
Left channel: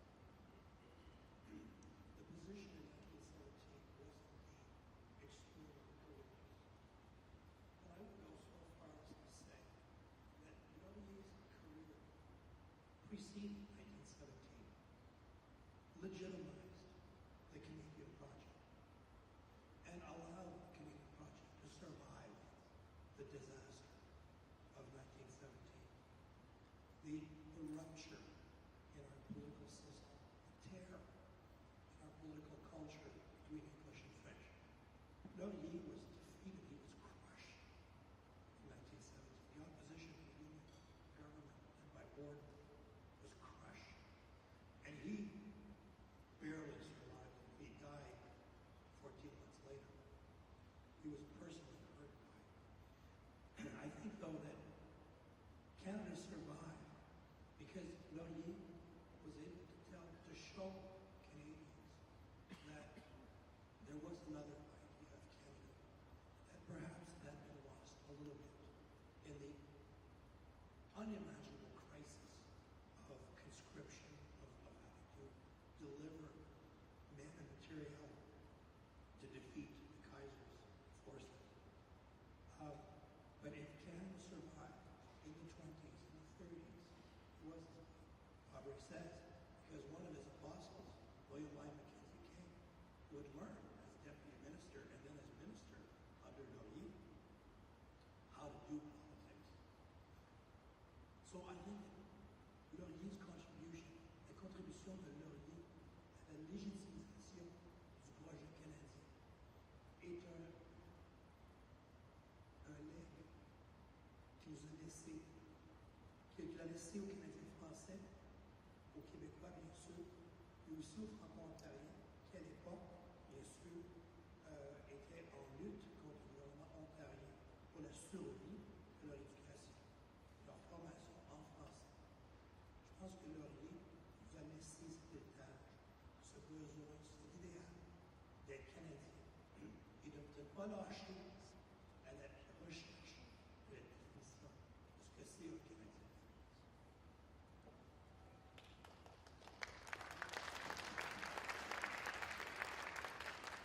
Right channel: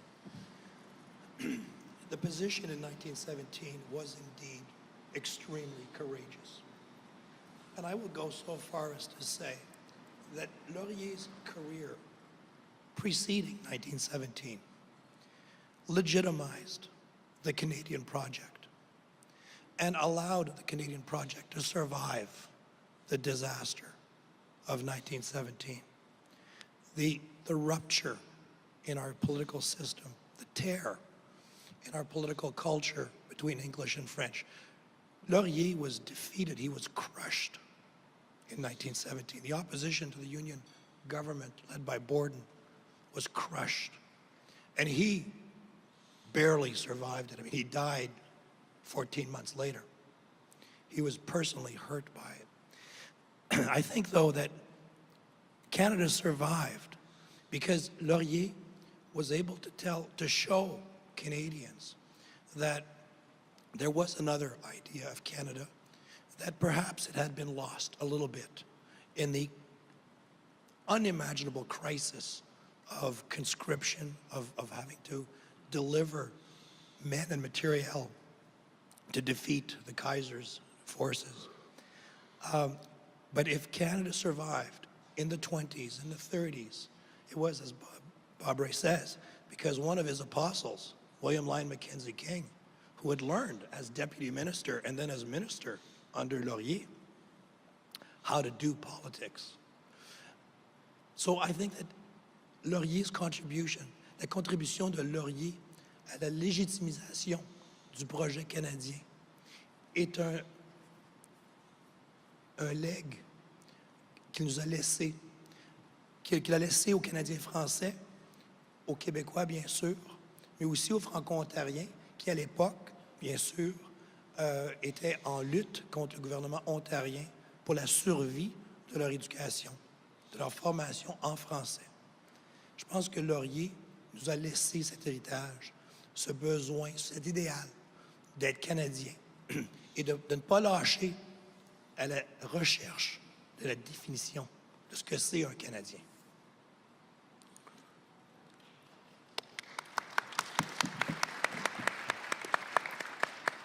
The position in 1917 was indeed extremely courageous. And I will go so far as to say that Laurier's career preceding 1917 legitimized the Canadian project and allowed the Canadian project to survive the disaster of 1917. The rupture in our political system, the tear in our political culture between English and French. Laurier was defeated, he was crushed in 1917. The opposition to the Union government led by Borden was crushed. And he barely survived it. I mean, he died 14 months later. He was personally hurt by it. I think, though, that Canada survived because Laurier was able to show Canadians that there was another idea of Canada, that perhaps it had been lost a little bit in the unimaginable crisis of conscription, of having to deliver men and materiel to defeat the Kaiser's forces. But if Canada survived in the 20s and the 30s, it was, as Bob Ray says, because one of his apostles, William Lyon Mackenzie King, who had learned as deputy minister and then as minister under Laurier how to do politics. So I think that Laurier's contribution, la contribution de Laurier à la légitimisation du projet canadien est un legs qu'il nous a laissé, qu'il a laissé aux Canadiens français, aux Québécois bien sûr, mais aussi aux Franco-Ontariens qui à l'époque, bien sûr, étaient en lutte contre le gouvernement ontarien pour la survie de leur éducation, de leur formation en français. Je pense que Laurier nous a laissé cet héritage, ce besoin, cet idéal d'être Canadien et de ne pas lâcher à la recherche de la définition de ce que c'est un Canadien.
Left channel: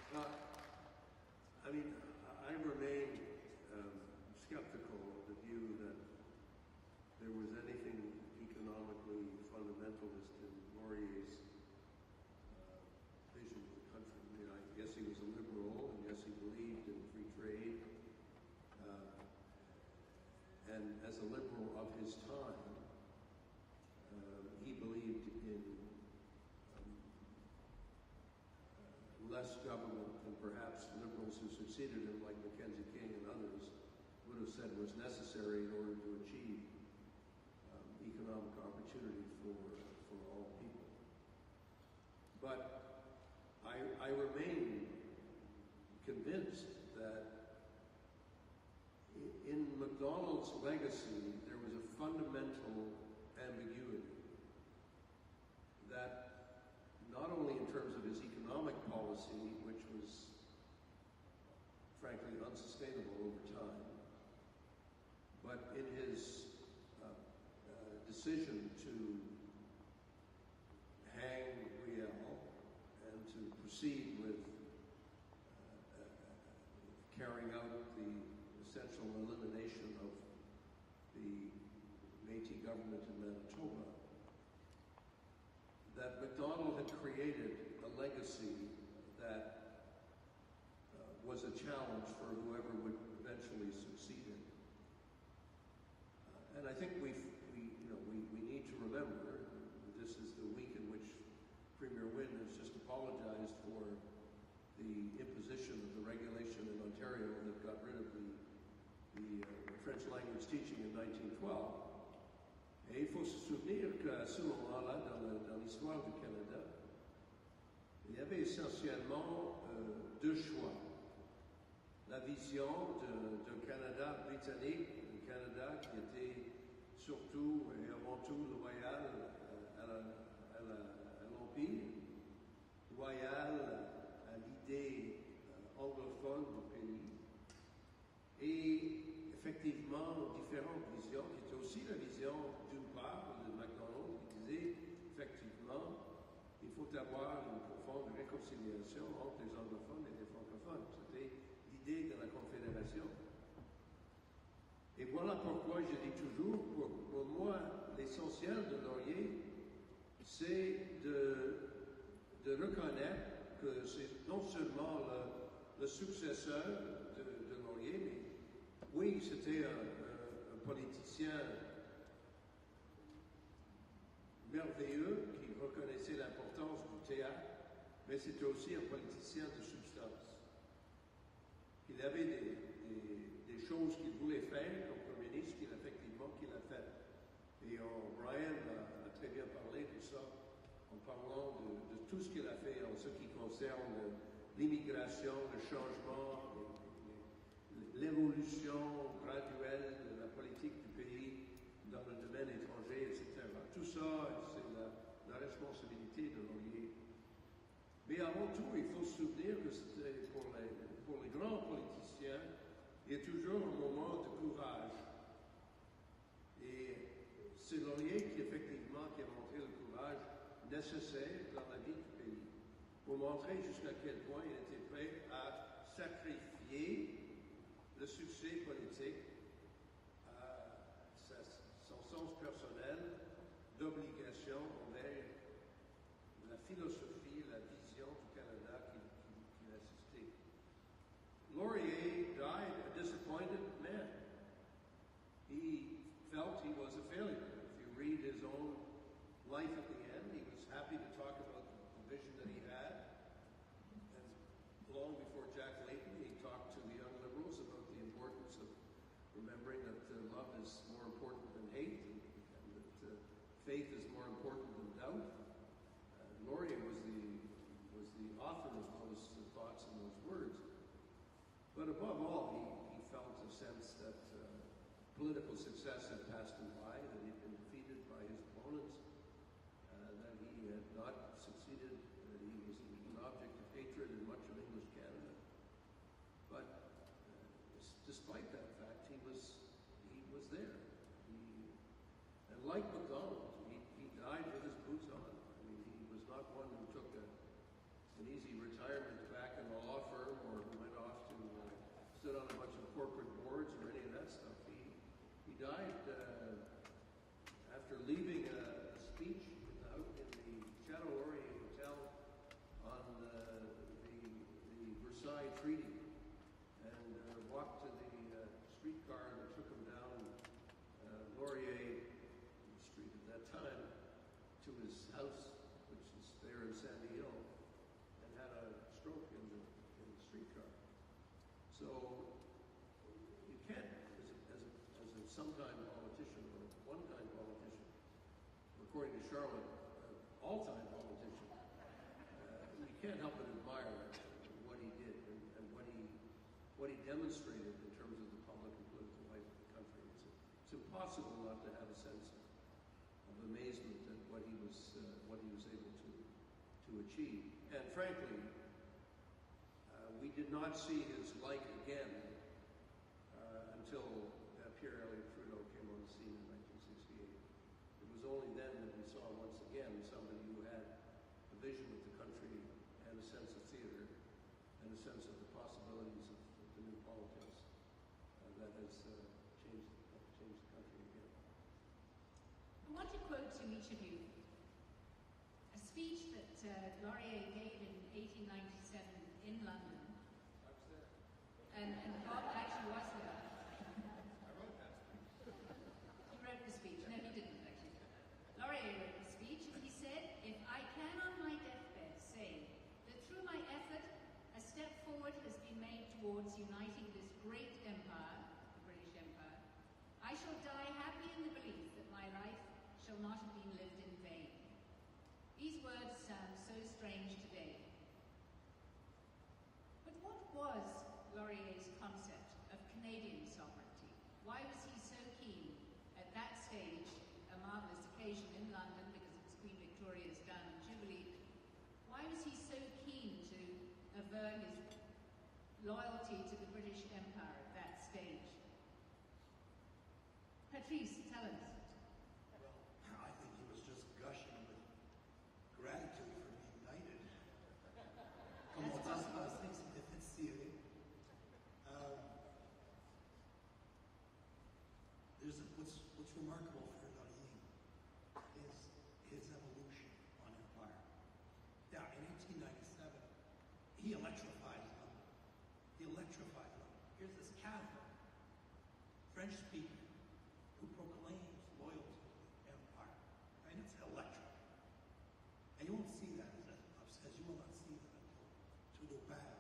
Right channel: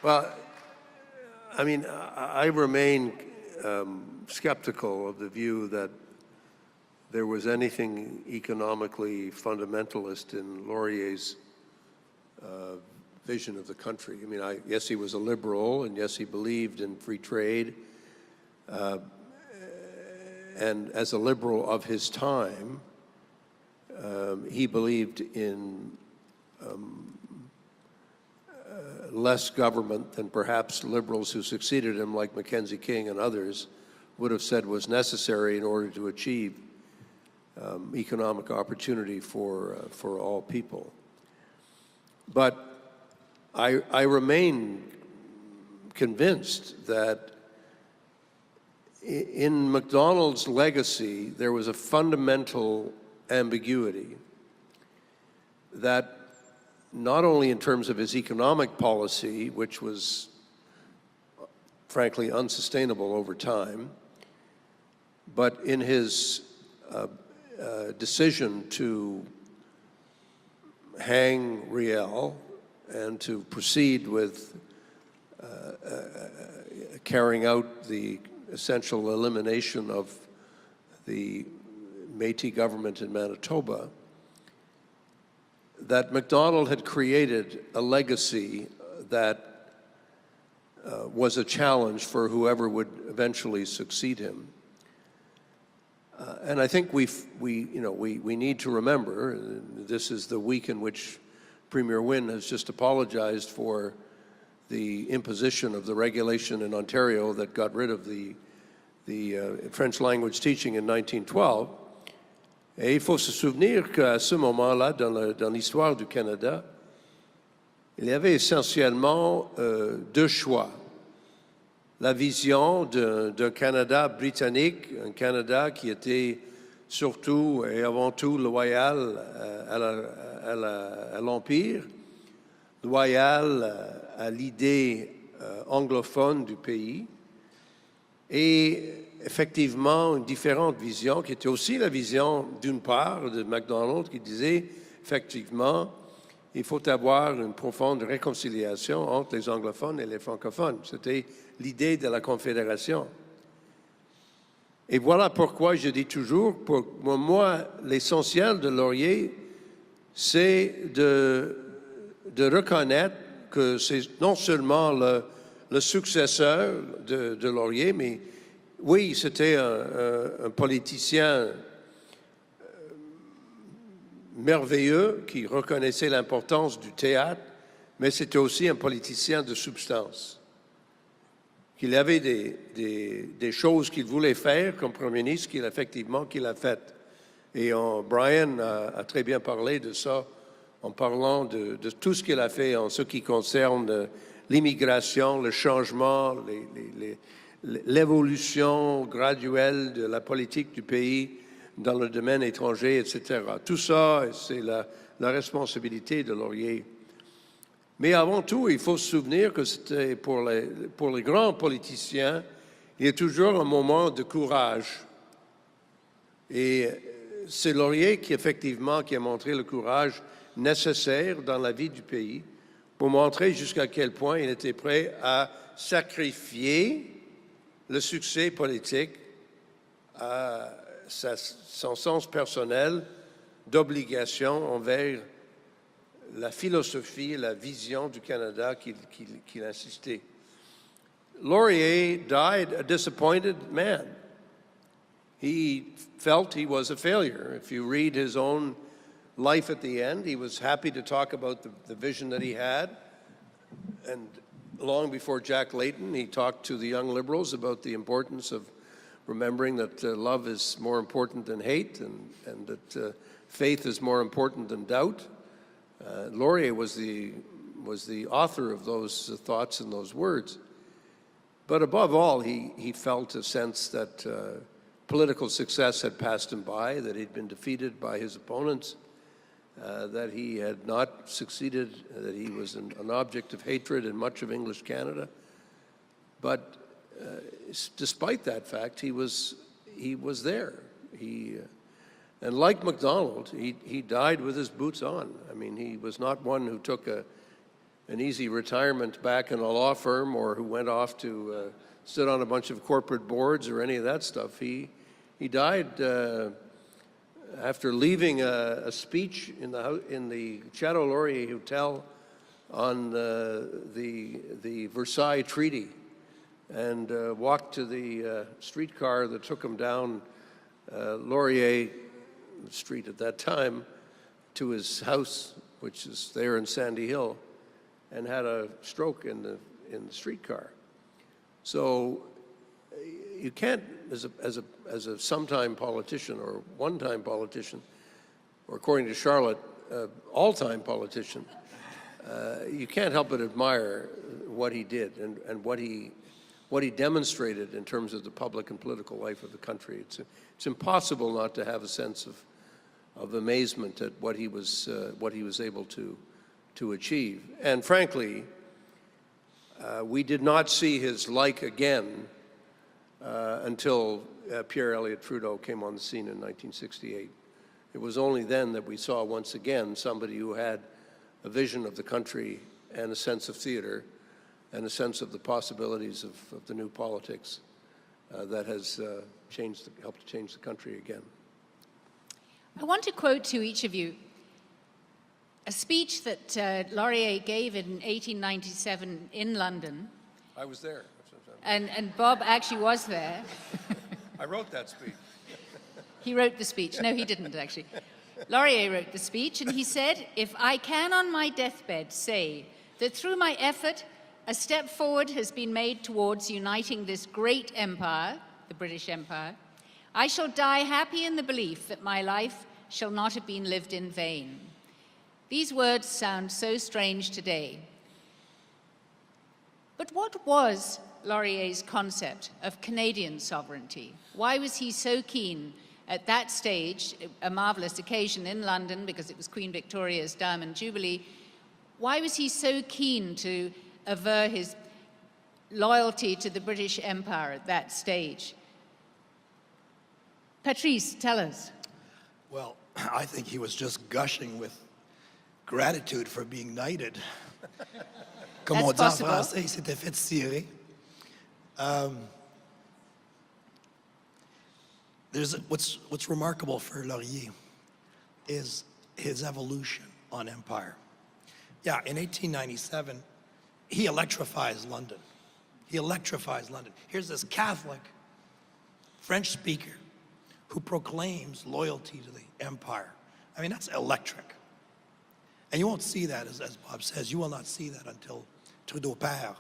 Well, I mean, I remain skeptical of the view that there was anything economically fundamentalist in Laurier's vision of the country. I mean, yes, he was a liberal, and yes, he believed in free trade. And as a liberal of his time, he believed in less government than perhaps liberals who succeeded him, like Mackenzie King and others, would have said was necessary in order to achieve economic opportunity for all people. But I remain convinced that in Macdonald's legacy, there was a fundamental ambiguity that not only in terms of his economic policy, which was frankly unsustainable over time, but in his decision to hang Riel and to proceed with carrying out the essential elimination of the Métis government in Manitoba, that Macdonald had created a legacy that was a challenge for whoever would eventually succeed him. And I think we need to remember, this is the week in which Premier Wynne has just apologized for the imposition of the regulation in Ontario that got rid of the French language teaching in 1912. Et il faut se souvenir qu'à ce moment-là, dans l'histoire du Canada, il y avait essentiellement deux choix. La vision d'un Canada britannique, un Canada qui était surtout et avant tout loyal à l'Empire, loyal à l'idée anglophone du pays, et effectivement une différente vision qui était aussi la vision d'une part de Macdonald qui disait effectivement il faut avoir une profonde réconciliation entre les anglophones et les francophones. C'était l'idée de la confédération. Et voilà pourquoi je dis toujours, pour moi, l'essentiel de Laurier, c'est de reconnaître que c'est non seulement le successeur de Laurier, mais oui, c'était un politicien merveilleux qui reconnaissait l'importance du théâtre, mais c'était aussi un politicien de substance. Qu'il avait des choses qu'il voulait faire comme Premier ministre qu'il a faites. Et Brian a très bien parlé de ça en parlant de tout ce qu'il a fait en ce qui concerne l'immigration, le changement, l'évolution graduelle de la politique du pays dans le domaine étranger, etc. Tout ça, c'est la responsabilité de Laurier. Mais avant tout, il faut se souvenir que c'était pour les grands politiciens, il y a toujours un moment de courage. Et c'est Laurier qui effectivement qui a montré le courage nécessaire dans la vie du pays pour montrer jusqu'à quel point il était prêt à sacrifier le succès politique à son sens personnel d'obligation envers la philosophie et la vision du Canada qu'il insistait. Laurier died a disappointed man. He felt he was a failure. If you read his own life at the end, he was happy to talk about the vision that he had. And long before Jack Layton, he talked to the young Liberals about the importance of remembering that love is more important than hate and that faith is more important than doubt. Laurier was the author of those thoughts and those words. But above all, he felt a sense that political success had passed him by, that he'd been defeated by his opponents, that he had not succeeded, that he was an object of hatred in much of English Canada. But despite that fact, he was there. And like Macdonald, he died with his boots on. I mean, he was not one who took an easy retirement back in a law firm or who went off to sit on a bunch of corporate boards or any of that stuff. He died after leaving a speech in the Chateau-Laurier Hotel on the Versailles Treaty and walked to the streetcar that took him down Laurier Street at that time to his house, which is there in Sandy Hill, and had a stroke in the streetcar. So you can't, as a sometime politician or one-time politician, or according to Charlotte, all-time politician, you can't help but admire what he did and what he demonstrated in terms of the public and political life of the country. It's impossible not to have a sense of amazement at what he was able to achieve. And frankly, we did not see his like again until Pierre Elliott Trudeau came on the scene in 1968. It was only then that we saw once again somebody who had a vision of the country and a sense of theater and a sense of the possibilities of the new politics that has helped to change the country again. I want to quote to each of you a speech that Laurier gave in 1897 in London. I was there. And Bob actually was there. I wrote that speech. He wrote the speech. No, he didn't, actually. Laurier wrote the speech, and he said, "If I can on my deathbed say that through my effort, a step forward has been made towards uniting this great empire, the British Empire, I shall die happy in the belief that my life shall not have been lived in vain." These words sound so strange today. But what was Laurier's concept of Canadian sovereignty? Why was he so keen at that stage, a marvelous occasion in London because it was Queen Victoria's Diamond Jubilee, why was he so keen to aver his loyalty to the British Empire at that stage? Patrice, tell us. Well, I think he was just gushing with gratitude for being knighted. Comme on dit en français, il s'était fait tirer. What's remarkable for Laurier is his evolution on empire. Yeah, in 1897, he electrifies London. Here's this Catholic French speaker who proclaims loyalty to the empire. I mean, that's electric. And you won't see that, as Bob says, you will not see that until Trudeau Père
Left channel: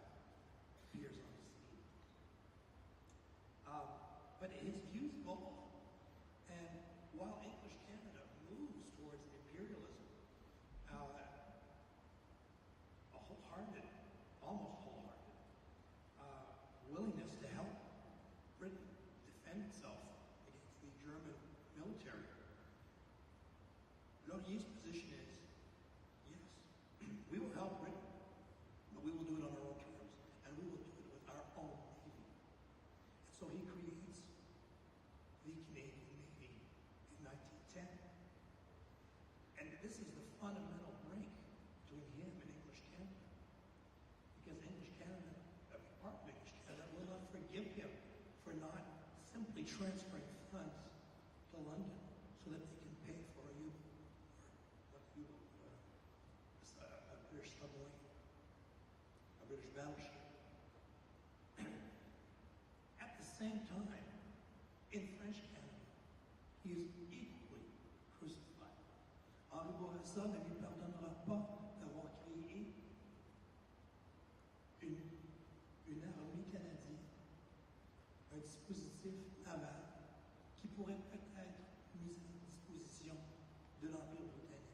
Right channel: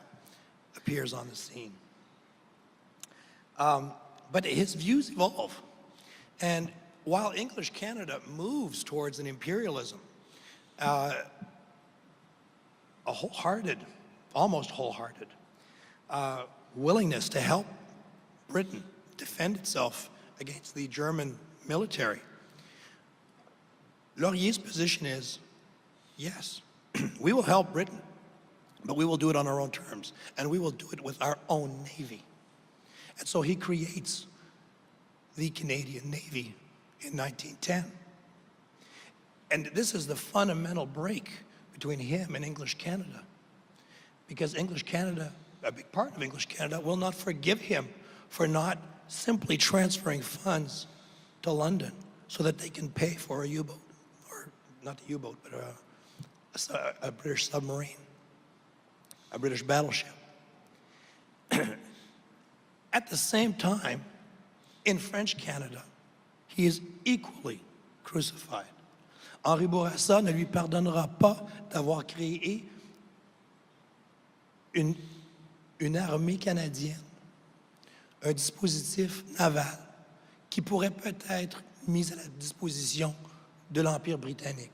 appears on the scene. But his views evolve. And while English Canada moves towards an imperialism, a wholehearted, almost wholehearted, willingness to help Britain defend itself against the German military, Laurier's position is, yes, we will help Britain, but we will do it on our own terms, and we will do it with our own Navy. And so he creates the Canadian Navy in 1910. And this is the fundamental break between him and English Canada, because English Canada, a big part of English Canada, will not forgive him for not simply transferring funds to London so that they can pay for a U-boat, or not the U-boat, but a British submarine, a British battleship. At the same time, in French Canada, he is equally crucified. Henri Bourassa ne lui pardonnera pas d'avoir créé une armée canadienne, un dispositif naval qui pourrait peut-être mis à la disposition de l'Empire britannique.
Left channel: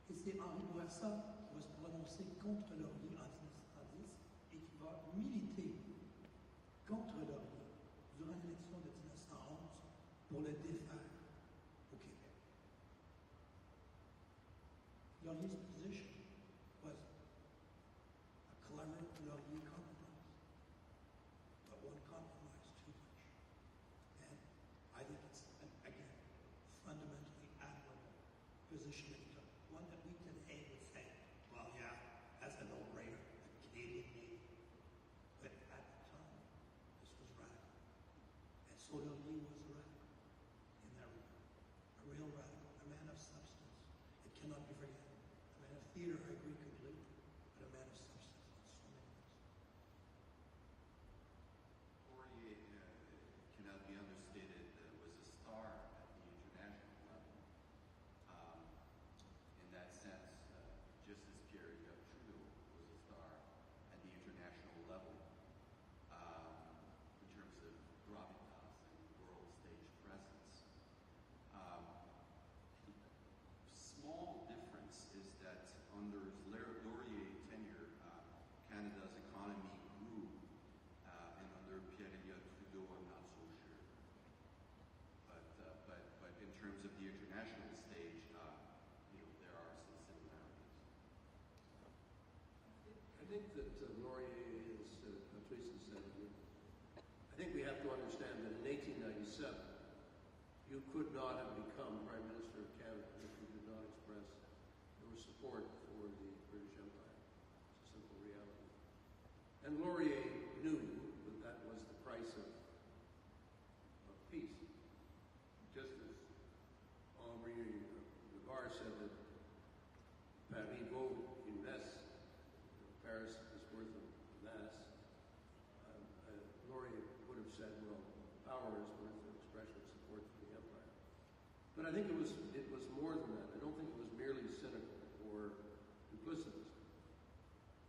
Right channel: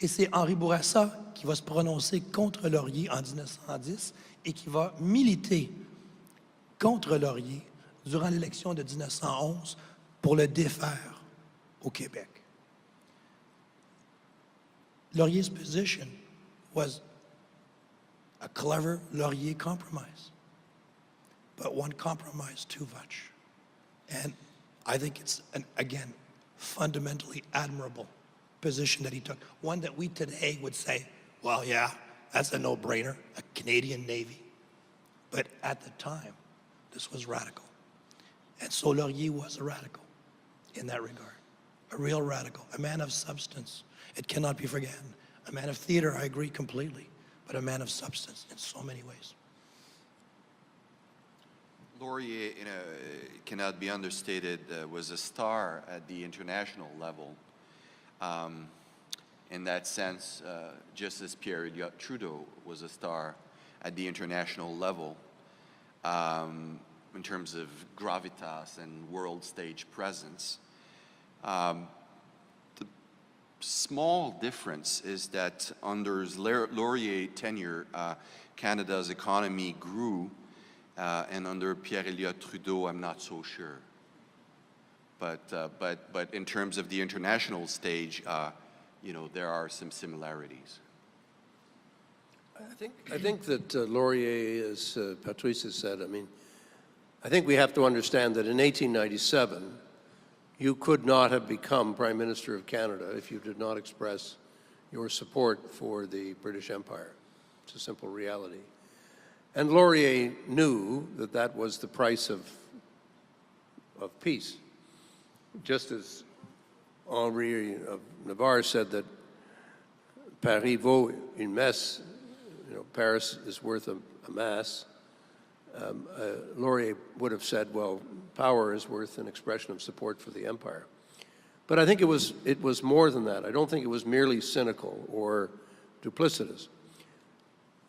Et c'est Henri Bourassa qui va se prononcer contre Laurier en 1910 et qui va militer contre Laurier durant l'élection de 1911 pour le défaire au Québec. Laurier's position was a clever Laurier compromise, but one compromise too much. And I think it's, again, fundamentally admirable position that he took, one that we today would say, well, yeah, that's a no-brainer, a Canadian Navy. But at the time, this was radical. And so Laurier was a radical in that regard, a real radical, a man of substance. It cannot be forgotten. A man of theater, I agree completely, but a man of substance in so many ways. Laurier, cannot be understated, was a star at the international level. In that sense, just as Pierre Elliott Trudeau was a star at the international level, in terms of gravitas and world stage presence. The small difference is that under Laurier tenure, Canada's economy grew, and under Pierre Elliott Trudeau, I'm not so sure. But in terms of the international stage, you know, there are some similarities. I think that Laurier, as Patrice has said, I mean, I think we have to understand that in 1897, you could not have become Prime Minister of Canada if you did not express your support for the British Empire. It's a simple reality. And Laurier knew that that was the price of peace. Just as Henri of Navarre said that Paris vaut une messe, you know, Paris is worth a mass, Laurier would have said, well, power is worth an expression of support for the empire. But I think it was more than that. I don't think it was merely cynical or duplicitous.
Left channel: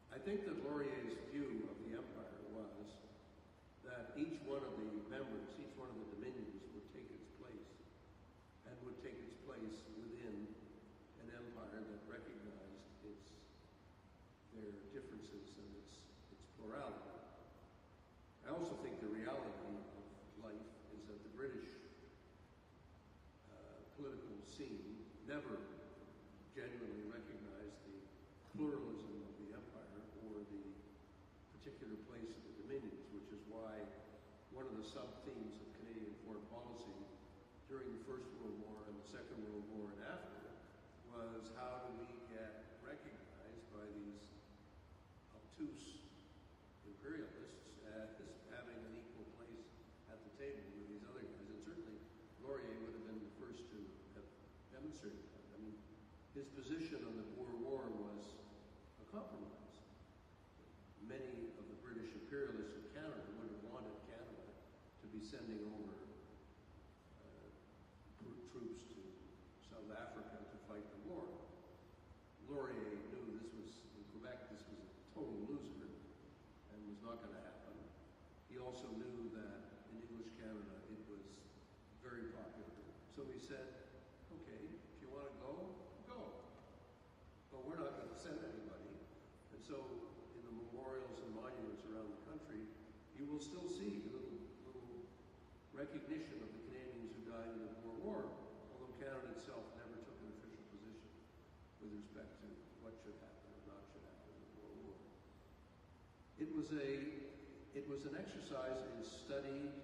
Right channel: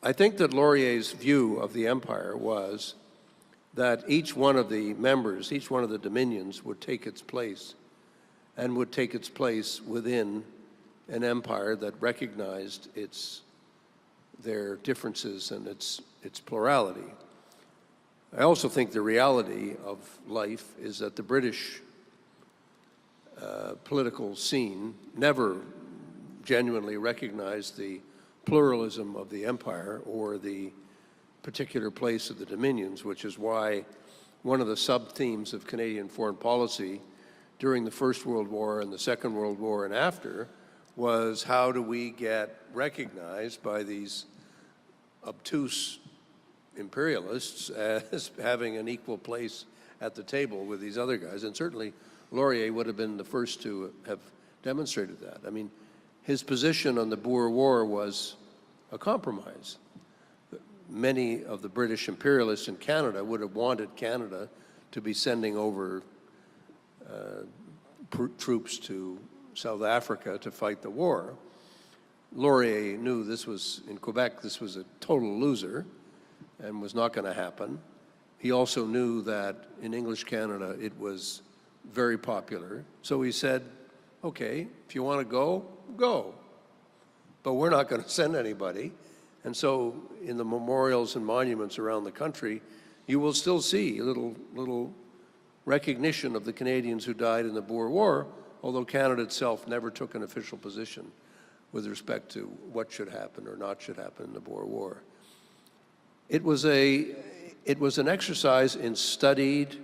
I think that Laurier's view of the empire was that each one of the members, each one of the dominions would take its place, and would take its place within an empire that recognized their differences and its plurality. I also think the reality of life is that the British political scene never genuinely recognized the pluralism of the empire or the particular place of the dominions, which is why one of the sub-themes of Canadian foreign policy during the First World War and the Second World War and after was, how do we get recognized by these obtuse imperialists as having an equal place at the table with these other guys? And certainly Laurier would have been the first to have demonstrated that. I mean, his position on the Boer War was a compromise. Many of the British imperialists in Canada would have wanted Canada to be sending over troops to South Africa to fight the war. Laurier knew this was, in Quebec, this was a total loser and was not going to happen. He also knew that in English Canada it was very popular. So he said, okay, if you want to go, go. But we're not going to send anybody. And so in the memorials and monuments around the country, you will still see a little recognition of the Canadians who died in the Boer War, although Canada itself never took an official position with respect to what should happen or not should happen in the Boer War. It was an exercise in studied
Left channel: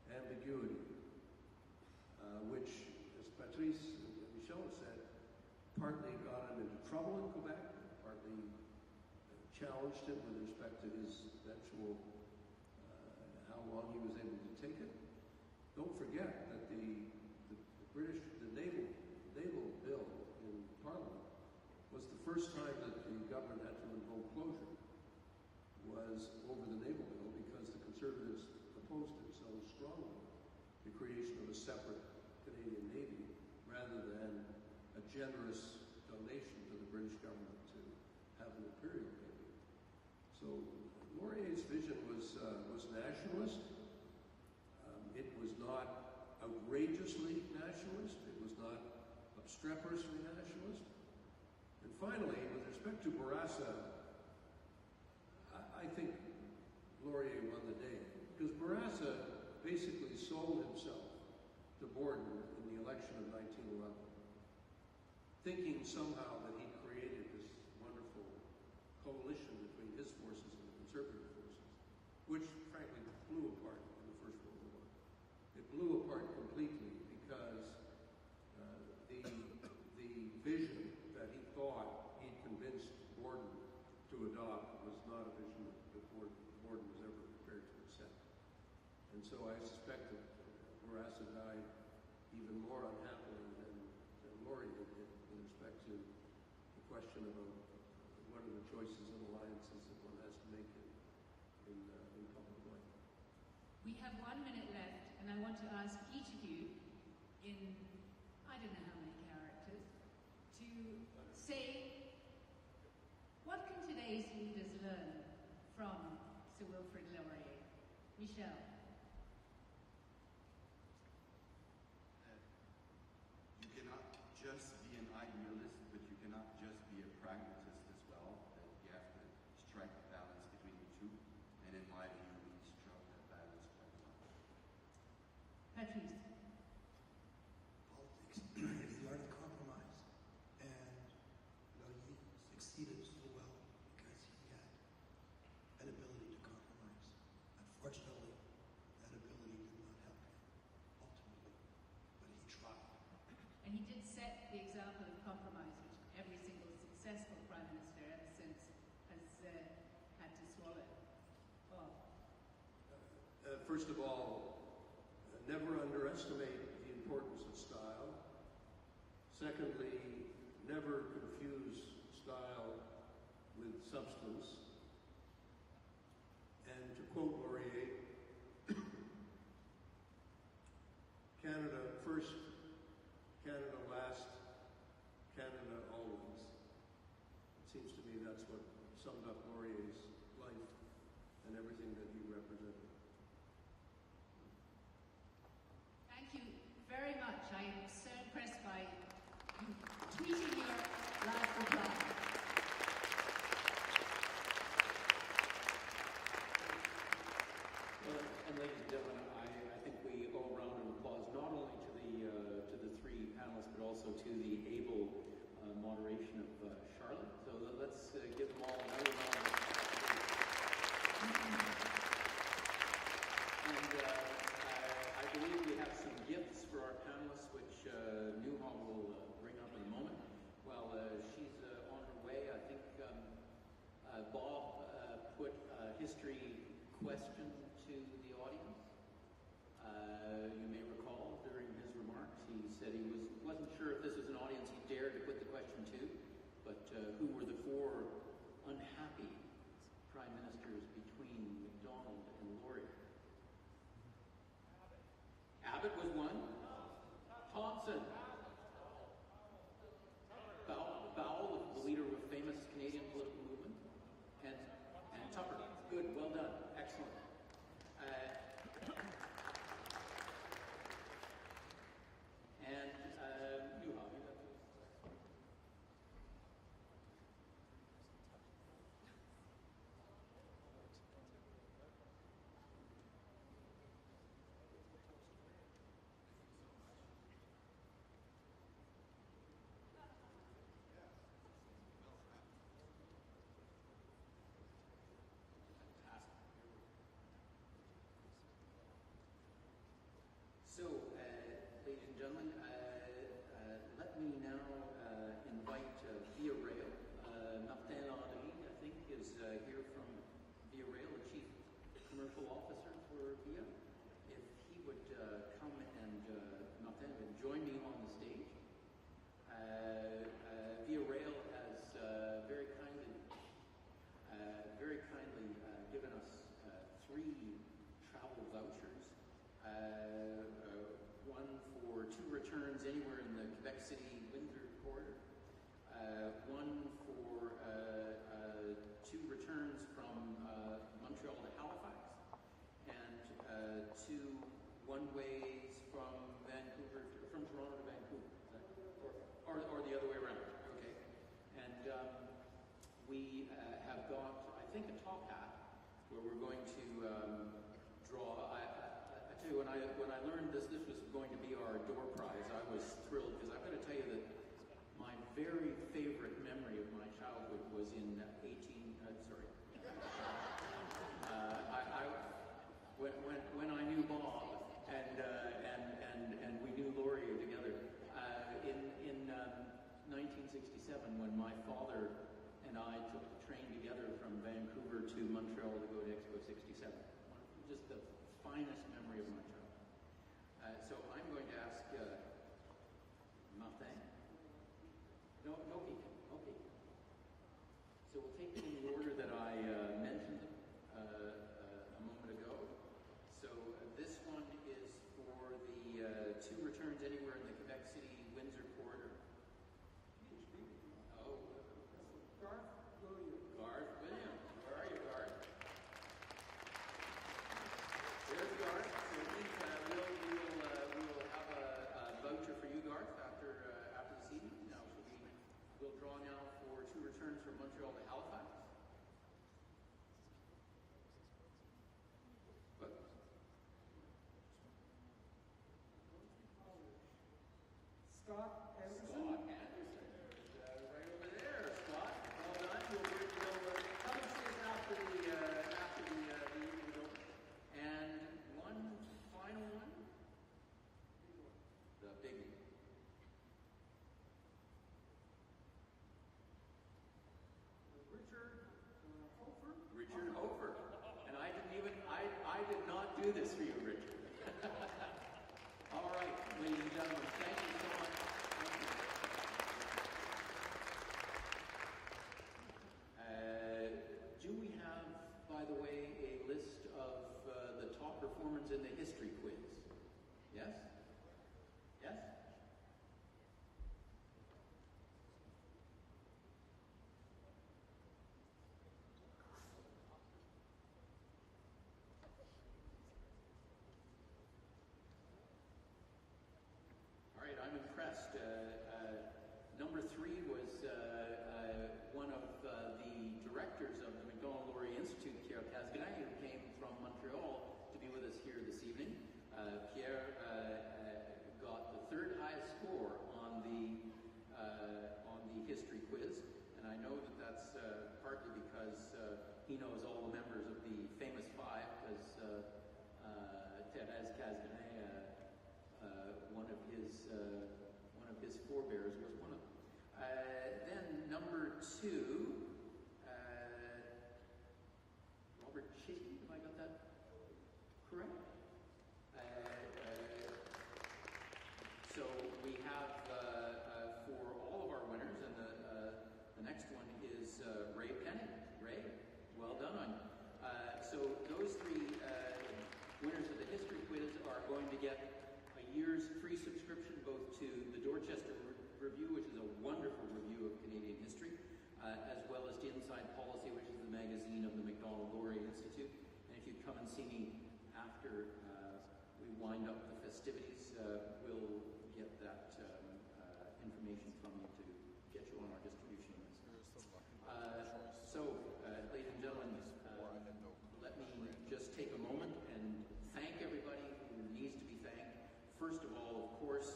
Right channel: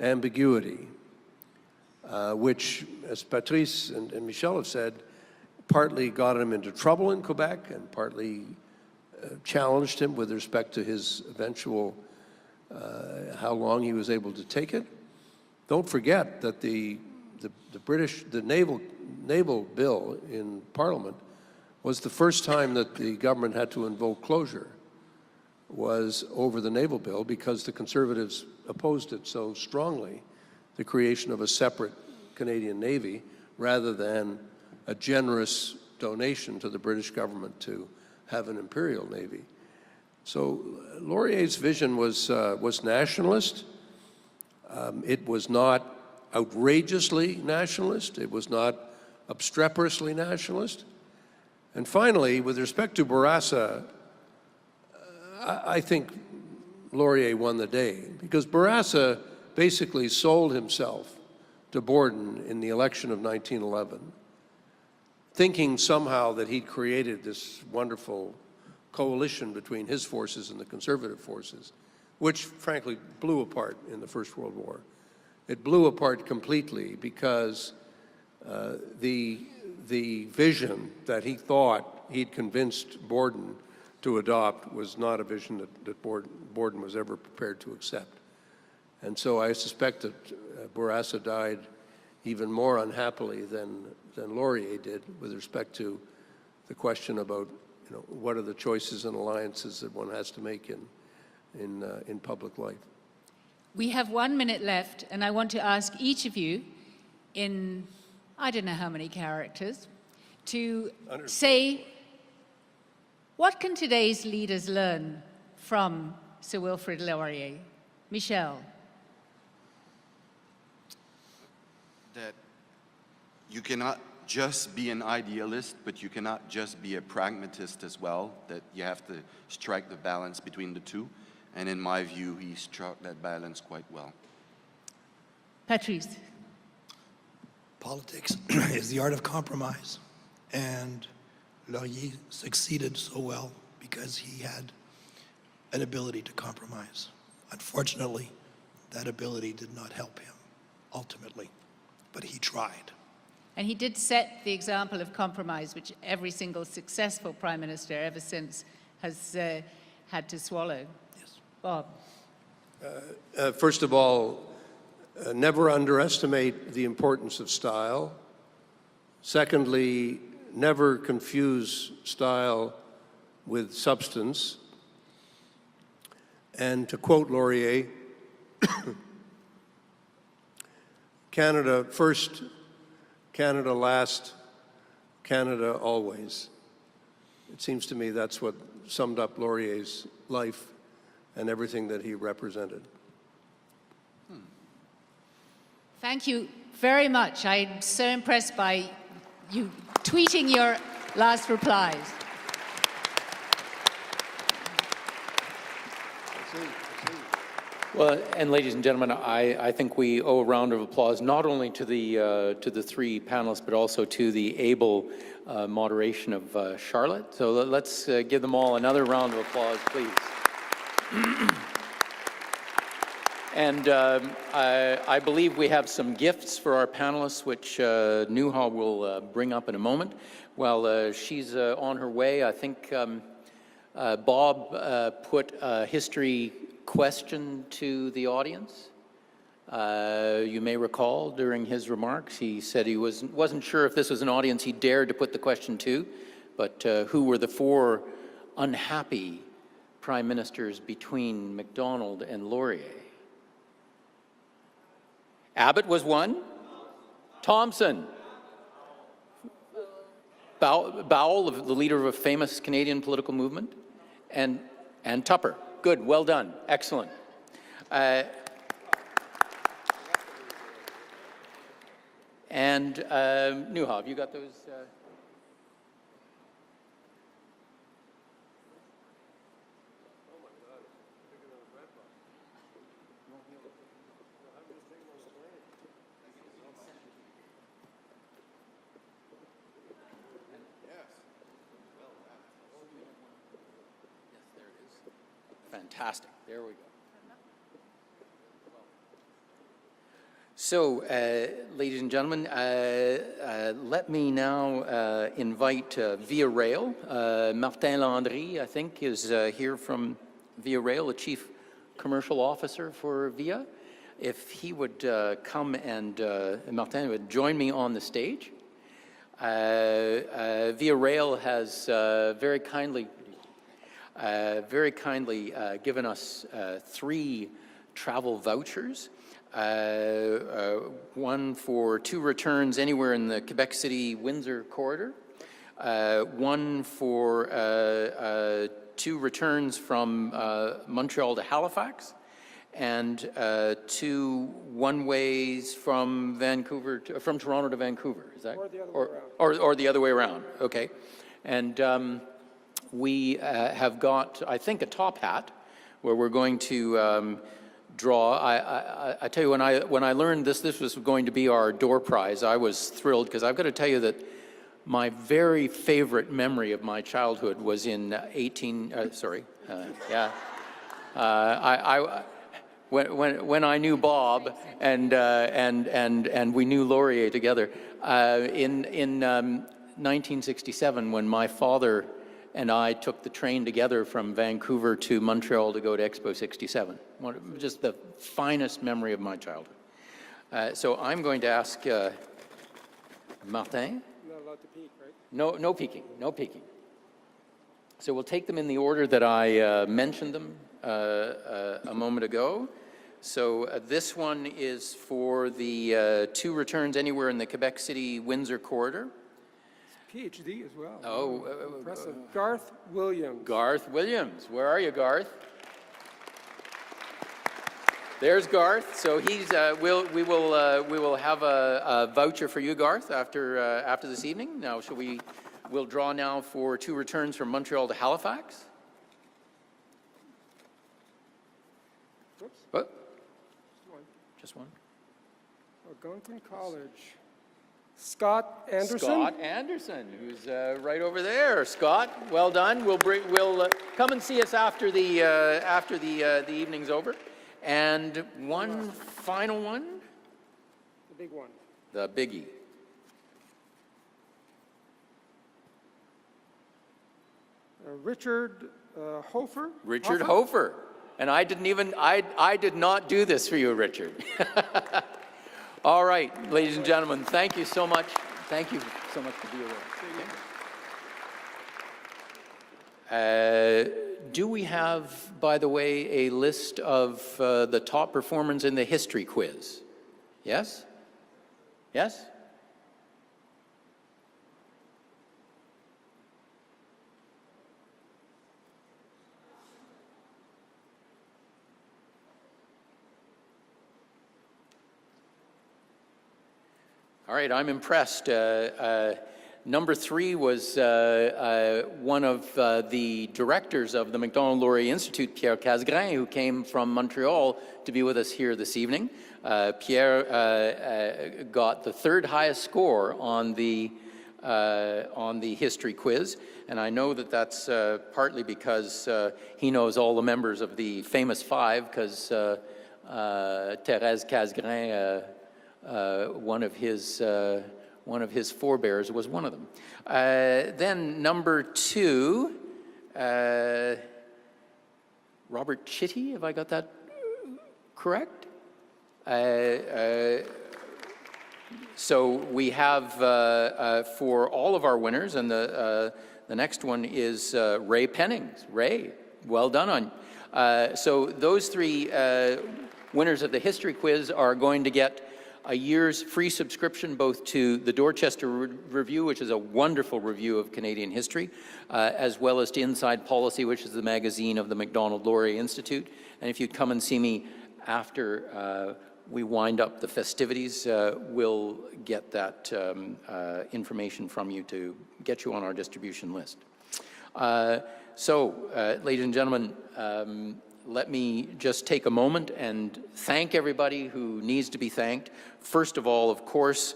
ambiguity. which, as Patrice and Michel have said, partly got him into trouble in Quebec and partly challenged him with respect to his eventual, how long he was able to take it. Don't forget that the naval bill in Parliament was the first time that the government had to invoke closure, was over the naval bill, because the Conservatives opposed it so strongly, the creation of a separate Canadian Navy, rather than a generous donation to the British government to have an imperial navy. So Laurier's vision was nationalist. It was not outrageously nationalist. It was not obstreperously nationalist. And finally, with respect to Bourassa, I think Laurier won the day, because Bourassa basically sold himself to Borden in the election of 1911, thinking somehow that he'd created this wonderful coalition between his forces and the Conservative forces, which frankly blew apart in the First World War. It blew apart completely because the vision that he thought he'd convinced Borden to adopt was not a vision that Borden was ever prepared to accept. And so I suspect that Bourassa died even more unhappily than Laurier did with respect to the question about, what are the choices and alliances that one has to make in public life. We have 1 minute left, and I want to ask each of you in, I don't know how many characters, to say, what can today's leaders learn from Sir Wilfrid Laurier? Michel. That you cannot just be an idealist, but you cannot just be a pragmatist as well, that you have to strike the balance between the two. And in my view, he struck that balance quite well. Patrice. Politics is the art of compromise, and Laurier succeeded so well because he had an ability to compromise. Unfortunately, that ability did not help him ultimately, but he tried. And he did set the example of compromise, which every single successful prime minister ever since has had to swallow. Yes. Bob. First of all, never underestimate the importance of style. Secondly, never confuse style with substance. And to quote Laurier, Canada first, Canada last, Canada always. It seems to me that's what summed up Laurier's life and everything that he represented. Thank you very much. I'm so impressed by you tweeting your last replies. Well, and ladies and gentlemen, I think we owe a round of applause not only to the three panelists, but also to the able moderation of Charlotte. So let's give them all another round of applause, please. And I believe we have some gifts for our panelists, which Nuha will bring up in a moment. While she's on her way, I think Bob put a history question to the audience. You may recall during his remarks, he said he wasn't sure if this was an audience he dared to put the question to, but who were the four unhappy prime ministers between Macdonald and Laurier? Abbott was one. Thompson. Bowell, the leader of a famous Canadian political movement. And Tupper. Good, well done, excellent. And Nuha, have you got those? Fantastic. There we go. So, ladies and gentlemen, let me now invite Via Rail. Martin-Landry, I think, is here from Via Rail, the Chief Commercial Officer for Via. If he would come and Martin would join me on the stage. Via Rail has very kindly given us 3 travel vouchers. One for 2 returns anywhere in the Quebec City-Windsor corridor, one for 2 returns from Montreal to Halifax, and 2 one-ways from from Toronto to Vancouver. Is that or the other way around? Okay, and we have got, I think, a top hat where we're going to draw. I tell you, when I learned this was going to be our door prize, I was thrilled, because I've got to tell you that my very favorite memory of my childhood was in when I knew Bob and we knew Laurier together in 1967, when my father and I took the train together from Vancouver to Montreal to go to Expo 67. Just the finest memory of my childhood. So I'm going to ask Martin. Not allowed to peek, right? No peeking, no peeking. So we'll take them in the order that I mentioned them a moment ago. So this one is for the 2 returns anywhere in the Quebec City-Windsor corridor. PhD as well. Oh, Impressive. Garth Williams. Garth Williams. Where are you, Garth? There's Garth. So he's. We will have a voucher for you, Garth, after this evening. Now, we'll draw now for 2 returns from Montreal to Halifax. Whoops. What? One. Just one. Algonquin College. Scott Anderson. Scott Anderson, who's right over there. Scott, well done. We'll come and see us after the evening's over. And one final one. The big one. The biggie. Richard Hofer. Richard Hofer. And I did not do this for you, Richard. All right, ladies and gentlemen, thank you so much. Thank you so much for being here. Do we have, by the way, a list of the top performers in the history quiz? Yes? Yes? All right, I'm impressed. Number 3 was one of the directors of the Macdonald-Laurier Institute, Pierre Casgrain, who came from Montreal to be with us here this evening. Pierre got the 3rd highest score on the history quiz, and I know that that's partly because he knows all the members of the famous 5, because Thérèse Casgrain, one of his forebears was one of them. Then number 2, Robert Chitty, have I got that correct? So we have for all of our winners, and the next one is Ray Pennings. Ray, well done on. So those 3 winners of the history quiz are going to get a year's free subscription both to the Dorchester Review, which is a wonderful review of Canadian history, as well as to Inside Policy, which is the magazine of the Macdonald-Laurier Institute. And if you'd come and see me after we wind up the festivities, we'll get that information from you to get you on our distribution list. So, ladies and gentlemen, let me just take a moment and thank everybody who needs to be thanked. First of all, of course,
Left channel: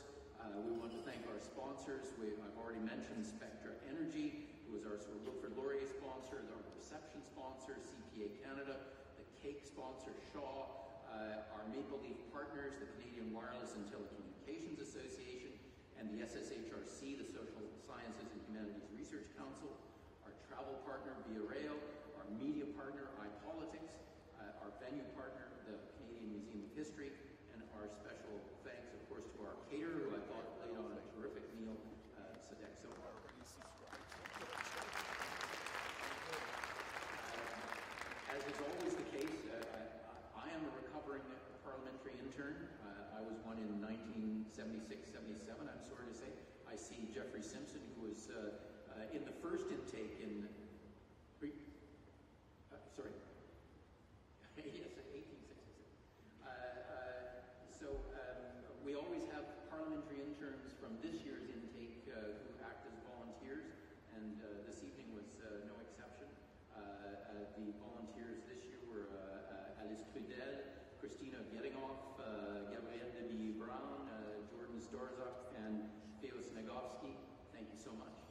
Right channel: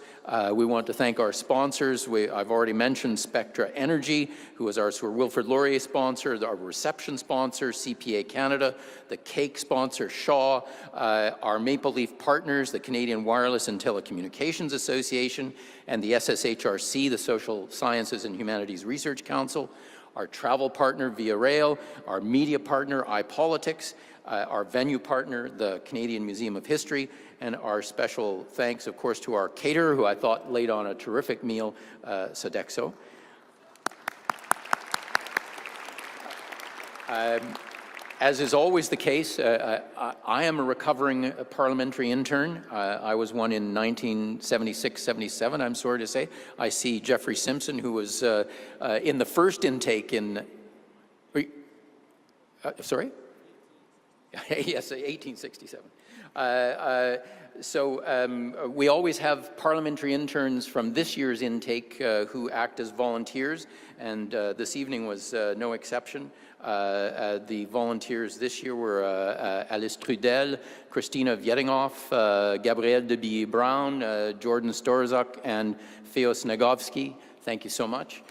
we want to thank our sponsors. I've already mentioned Spectra Energy, who is our Sir Wilfrid Laurier sponsor, our reception sponsor, CPA Canada, the cake sponsor, Shaw, our Maple Leaf partners, the Canadian Wireless and Telecommunications Association, and the SSHRC, the Social Sciences and Humanities Research Council, our travel partner, Via Rail, our media partner, iPolitics, our venue partner, the Canadian Museum of History, and our special thanks, of course, to our caterer, who I thought laid on a terrific meal, Sodexo. As is always the case, I am a recovering parliamentary intern. I was one in 1976-77, I'm sorry to say. I see Jeffrey Simpson, who was in the first intake in... sorry? Yes, 1867. We always have parliamentary interns from this year's intake who act as volunteers, and this evening was no exception. The volunteers this year were Alice Trudel, Christina Vietingoff, Gabrielle de Billy-Brown, Jordan Storzak, and Feos Nagovsky. Thank you so much.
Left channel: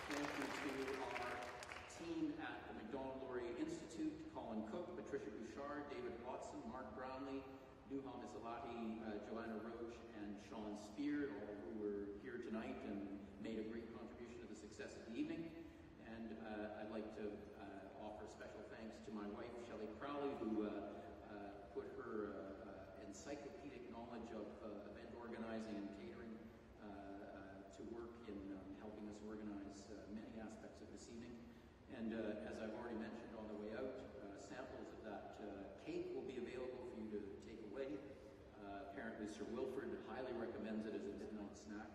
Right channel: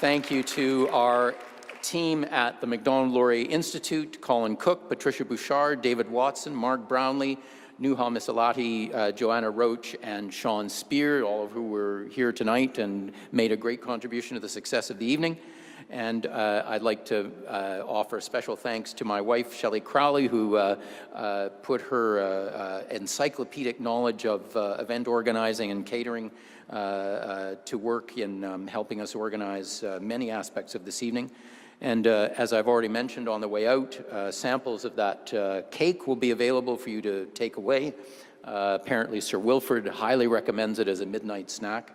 Thank you to our team at the Macdonald-Laurier Institute, Colin Cook, Patricia Bouchard, David Watson, Mark Brownlee, Nuha Misalati, Joanna Roach, and Sean Spear, all of who were here tonight and made a great contribution to the success of the evening. And I'd like to offer special thanks to my wife, Shelley Crowley, who put her encyclopedic knowledge of event organizing and catering to work in helping us organize many aspects of this evening. And as I've already mentioned on the way out, samples of that cake will be available for you to take away. Apparently Sir Wilfrid highly recommends it as a midnight snack.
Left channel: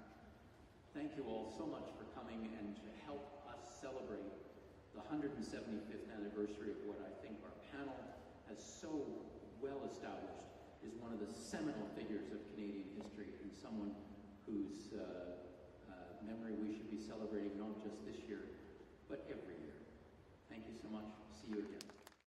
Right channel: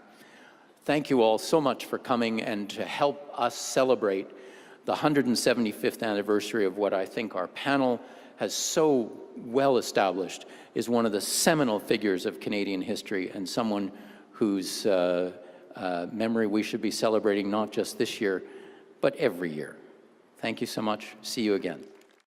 Thank you all so much for coming and to help us celebrate the 175th anniversary of what I think our panel has so well established is one of the seminal figures of Canadian history and someone whose memory we should be celebrating not just this year, but every year. Thank you so much. See you again.